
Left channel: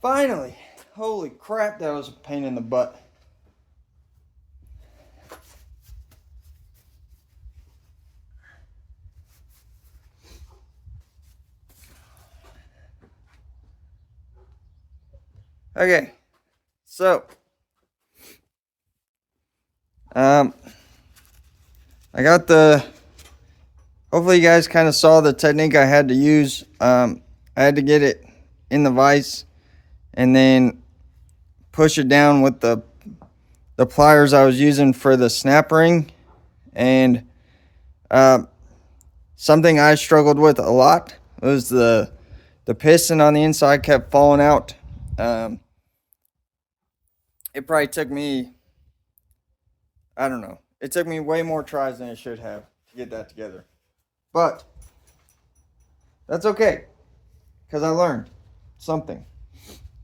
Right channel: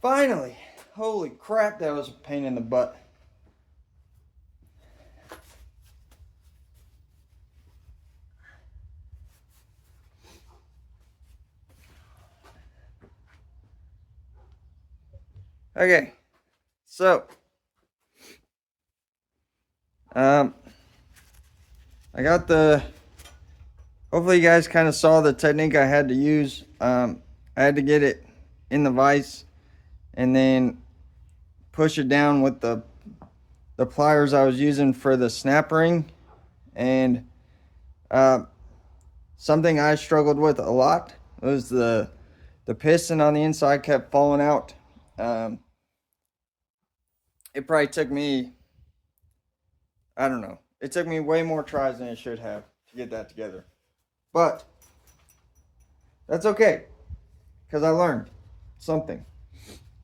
Finally! Holy crap, that was a pain in the butt. Okay, so I got the. Hopefully, you guys kind of saw the technique I had to use. I had to get it in the vise and then push it down with the pliers I was using for the snap ring, and something I struggled with a lot was the piston on the inside kept falling out. It probably took me, I don't know, it took me way more tries than it should have to get that together. But that's okay, because I learned something.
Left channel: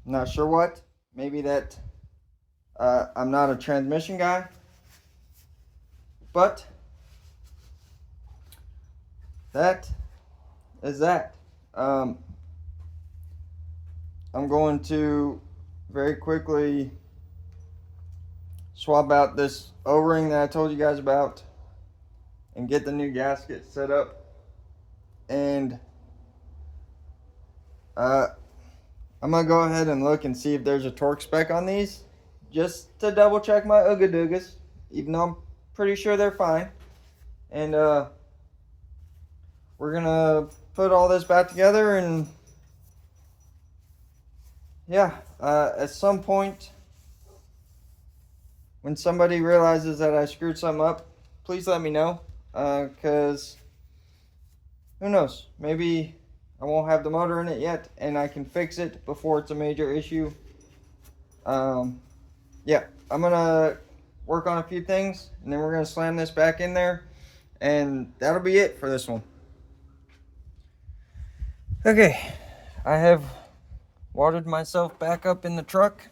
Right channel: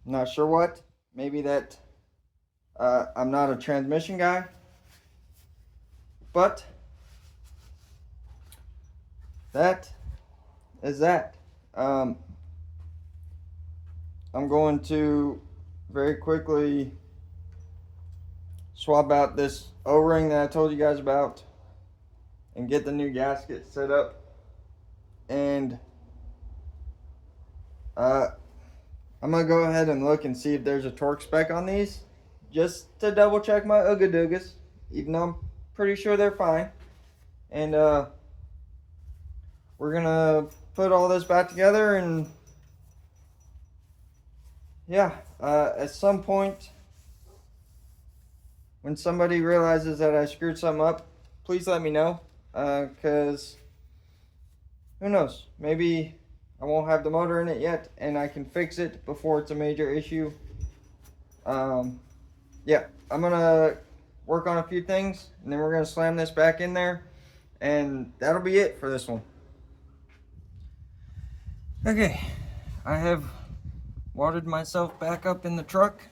I'm not sure what. Maybe that I'm not a transmission guy. But that is that. I'm going to very quickly swap out this O-ring that I told you guys about and get the new gasket set up. And I'm going to go ahead and look and see if there's a torque spec on these, just to double check my Ooga Doogas, even though I'm pretty sure they're fine. And we're going to put all this back together, and yeah, at some point when somebody realizes that I screwed something up, please let me know, because who knows, maybe I won't have the motor in it yet and I can fix it before it's a major issue. Yeah, I'm gonna work on a few things, and then we're gonna slam this back in there, and that'll be it for this one. Okay, I have watered myself back up in the truck.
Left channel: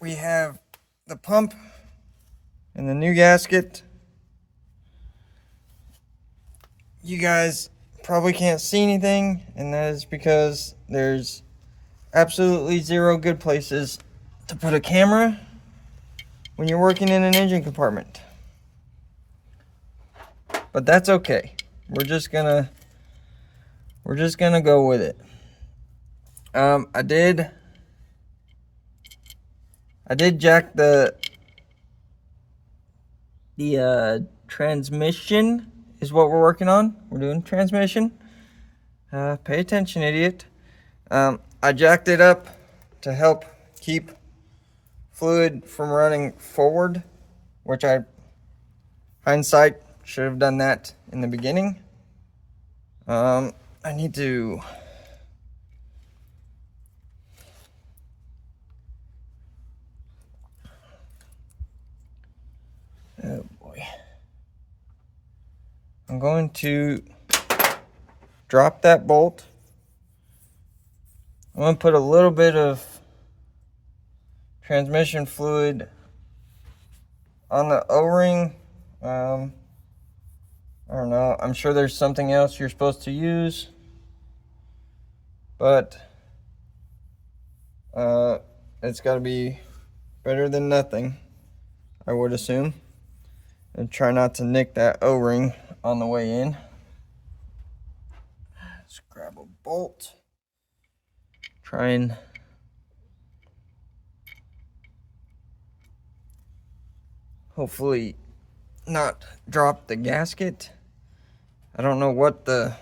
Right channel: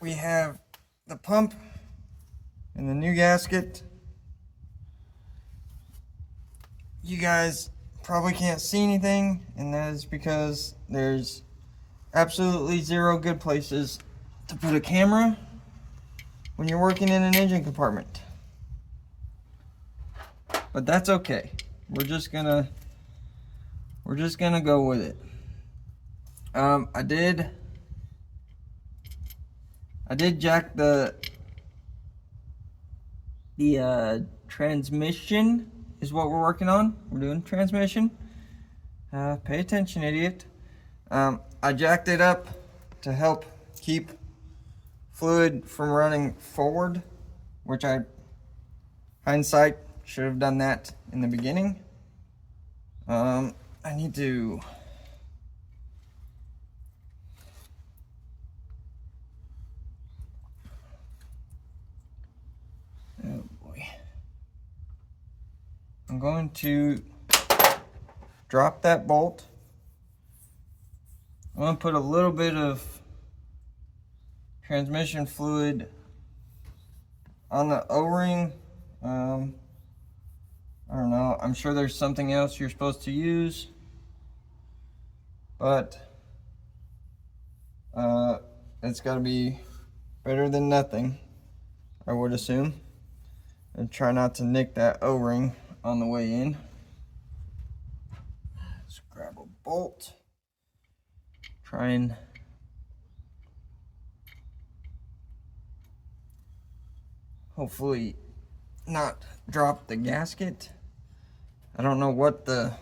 We have the pump and the new gasket. You guys probably can't see anything, and that is because there's absolutely zero good places to put a camera when you're working in an engine compartment. But that's okay. We're just gonna go with it. I did jack the transmission is what we're working on. We're doing transmission. Pay attention, idiot. I jacked it up to help keep fluid from running forward, which hindsight, should have done that in the beginning. I need to oh boy. I'm going to drop that bolt. I'm going to put a little bit of transmission fluid on the O-ring. I don't know. I'm sure there's something else you're supposed to use, but it's got to be better than nothing, I would assume. And try not to nick that O-ring on the way in. Let's grab a bolt. Try and hopefully not drop the gasket. I don't know what there's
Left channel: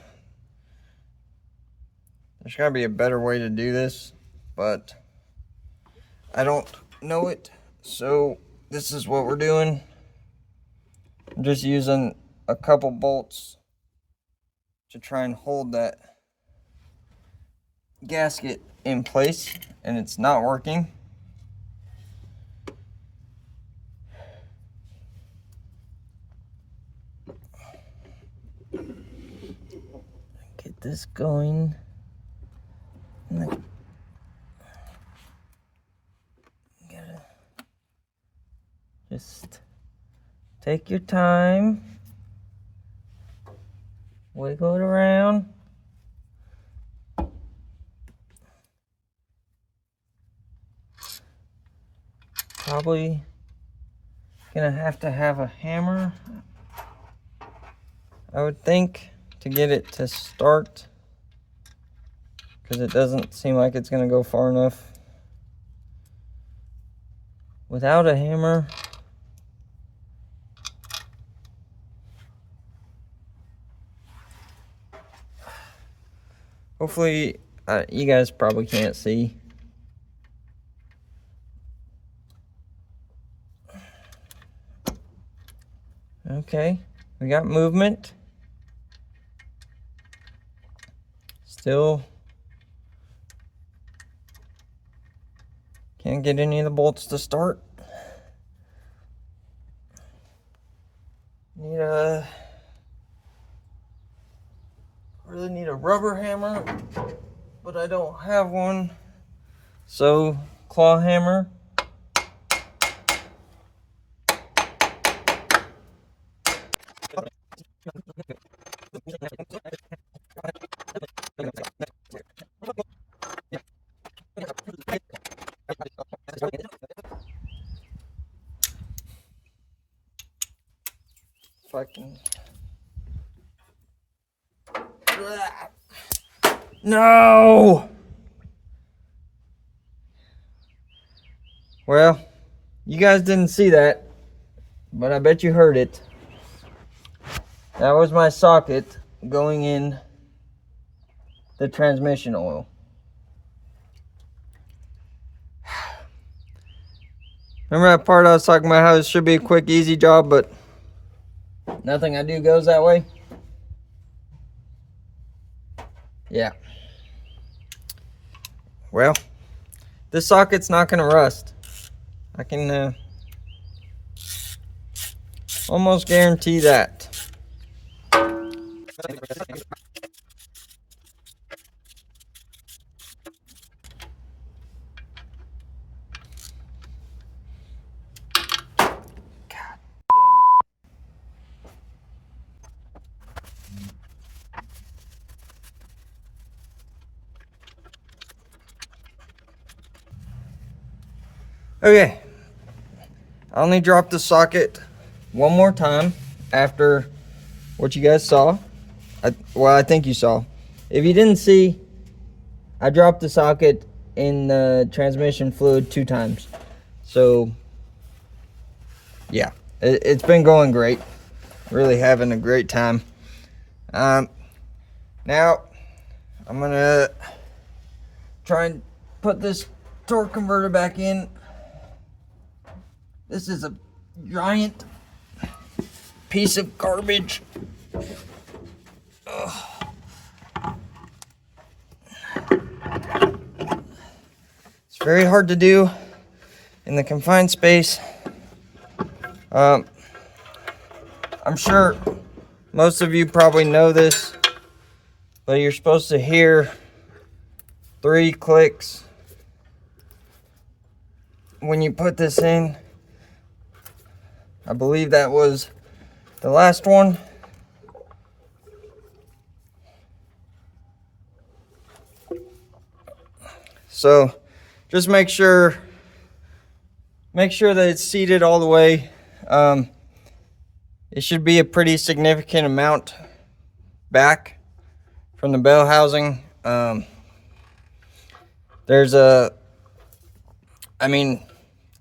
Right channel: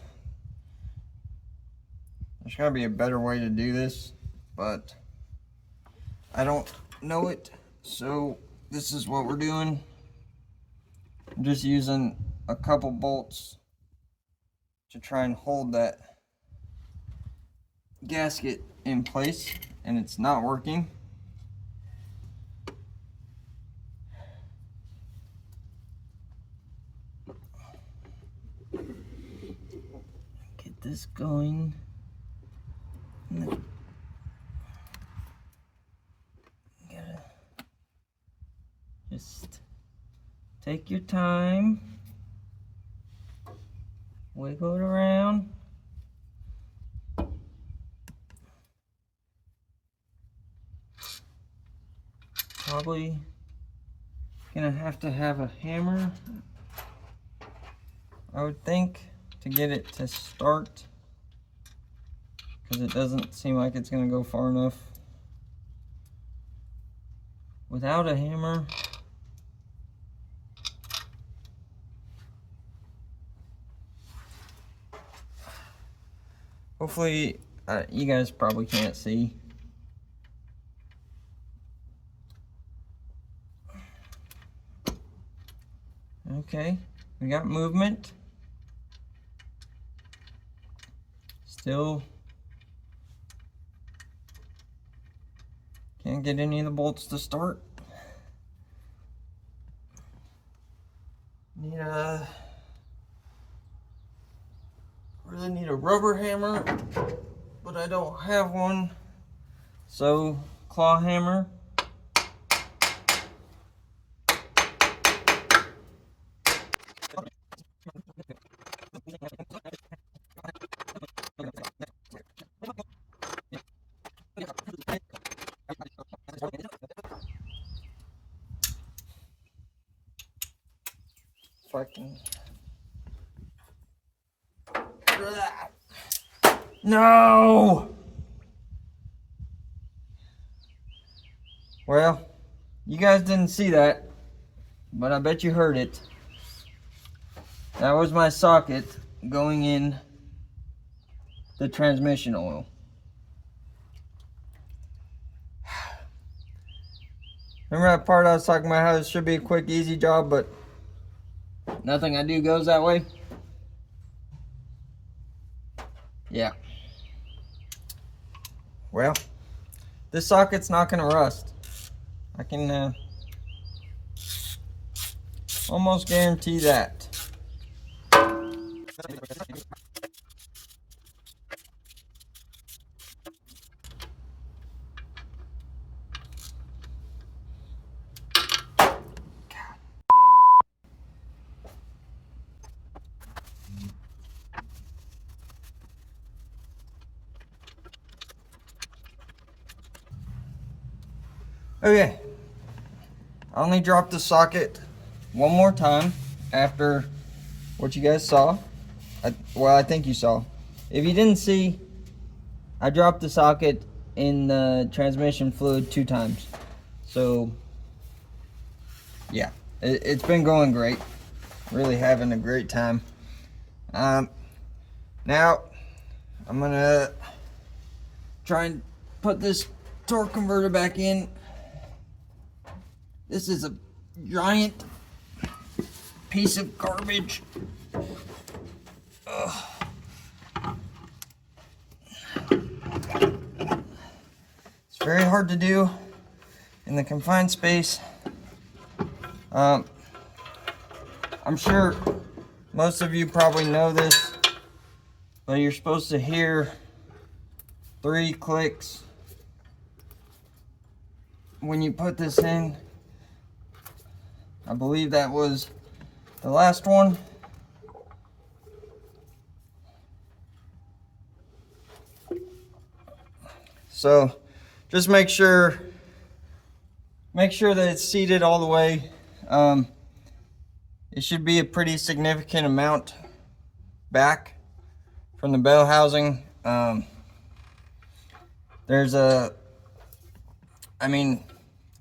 gotta be a better way to do this, but I don't know it, so this is what we're doing. I'm just using a couple bolts to try and hold that gasket in place, and it's not working. Get this going. Gotta just take your time, wiggle it around. Probably gonna have to have a hammer, I would think, to get it to start, because it doesn't seem like it's gonna go far enough without a hammer. Hopefully, you guys probably can't see. Okay, we got movement. Still can't get any of the bolts to start. Need a really need a rubber hammer, but I don't have one. So, claw hammer. If I can. No! Well, you guys didn't see that, but I bet you heard it. That was my socket going in the transmission oil. Remember that part I was talking about how it should be a quick, easy job, but nothing I do goes that way? Yeah. Well, this socket's not gonna rust. I can almost guarantee that. Okay, I only dropped the socket one more time after what you guys saw. I think you saw. If you didn't see, I dropped the socket in the transmission fluid 2 times. So, yeah, it's been going great. Really having a great time. Now, I'm gonna try and put this torque converter back in. This is a giant piece of garbage. Ugh. It's very hard to do in the confined space. I'm sure most of you probably know this, but you're supposed to hear 3 clicks when you put this in. I believe that was the last one. So just make sure that it's seated all the way. It should be a pretty significant amount back from the bell housing.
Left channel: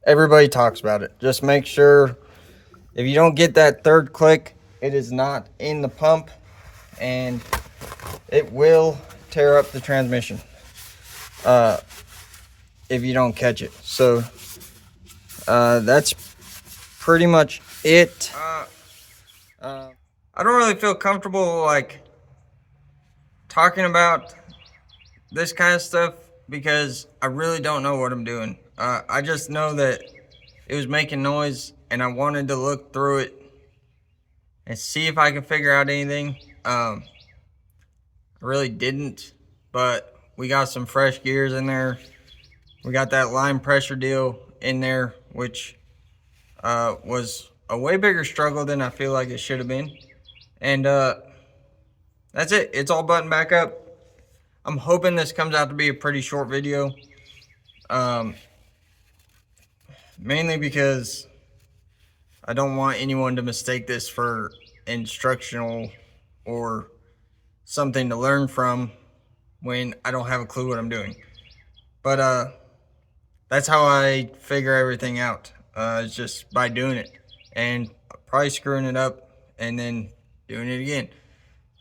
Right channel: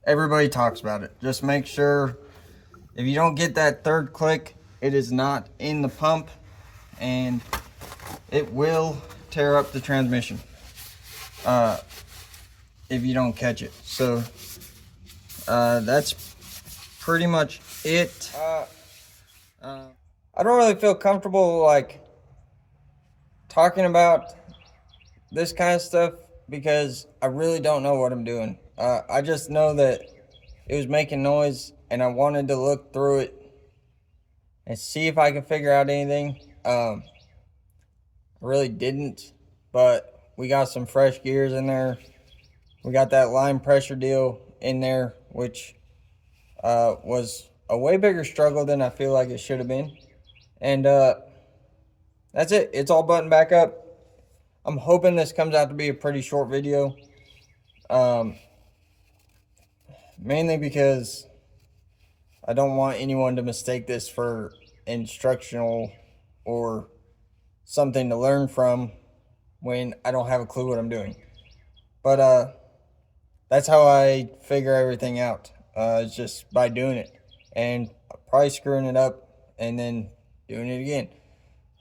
Everybody talks about it. Just make sure if you don't get that 3rd click, it is not in the pump and it will tear up the transmission if you don't catch it. So that's pretty much it. I don't really feel comfortable like talking about this kind of stuff because I really don't know what I'm doing. I just know that it was making noise and I wanted to look through it and see if I could figure out anything. I really didn't, but we got some fresh gears in there. We got that line pressure deal in there, which was a way bigger struggle than I feel like it should have been. And that's it. It's all buttoned back up. I'm hoping this comes out to be a pretty short video. Mainly because I don't want anyone to mistake this for instructional or something to learn from when I don't have a clue what I'm doing. But that's how I figure everything out. It's just by doing it and probably screwing it up and then doing it again.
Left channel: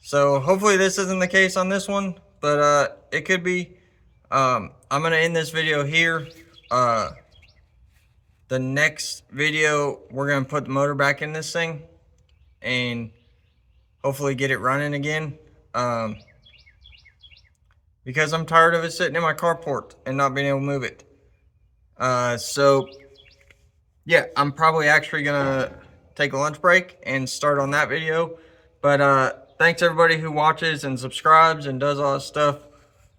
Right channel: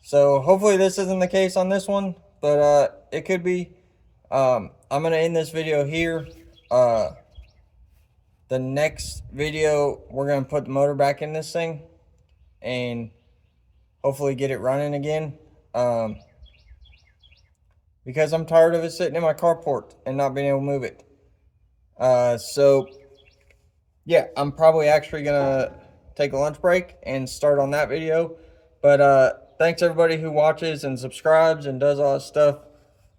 So hopefully this isn't the case on this one, but it could be. I'm gonna end this video here. The next video, we're gonna put the motor back in this thing and hopefully get it running again. Because I'm tired of it sitting in my carport and not being able to move it. So yeah, I'm probably actually gonna take a lunch break and start on that video. But thanks everybody who watches and subscribes and does all that stuff.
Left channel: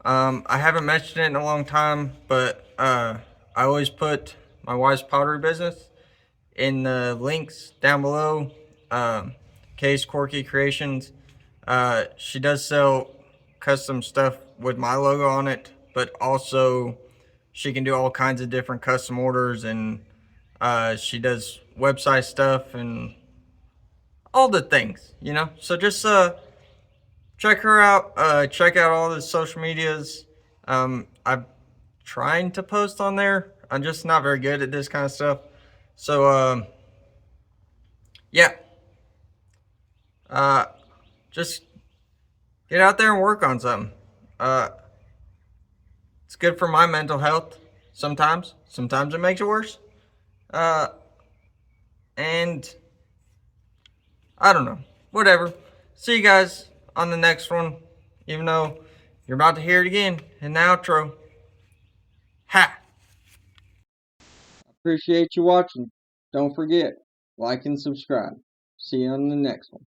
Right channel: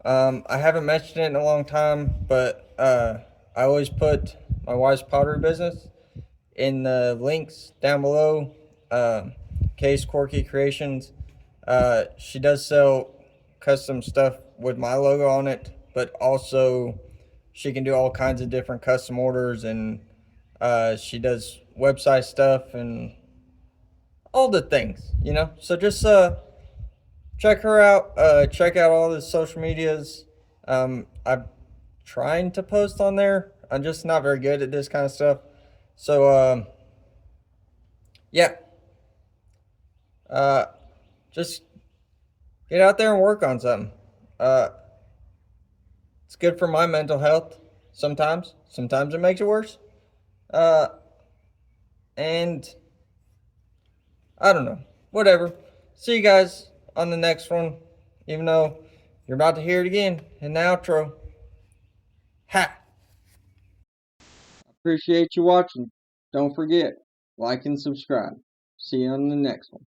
I haven't mentioned it in a long time, but I always put my wife's pottery business in the links down below. Case Quirky Creations. She does sell custom stuff with my logo on it, but also she can do all kinds of different custom orders, and she does website stuff and all the things, you know. So just check her out. Check out all the social medias. I'm trying to post on there. I'm just not very good at this kind of stuff. So yeah, just get out there and work on something. Uh, it's good for my mental health. Sometimes it makes it worse. Uh, and I don't know. Whatever. See you guys on the next one. Even though you're about to hear it again in the outro. Ha! Appreciate you watching. Don't forget, like and subscribe. See you on the next one.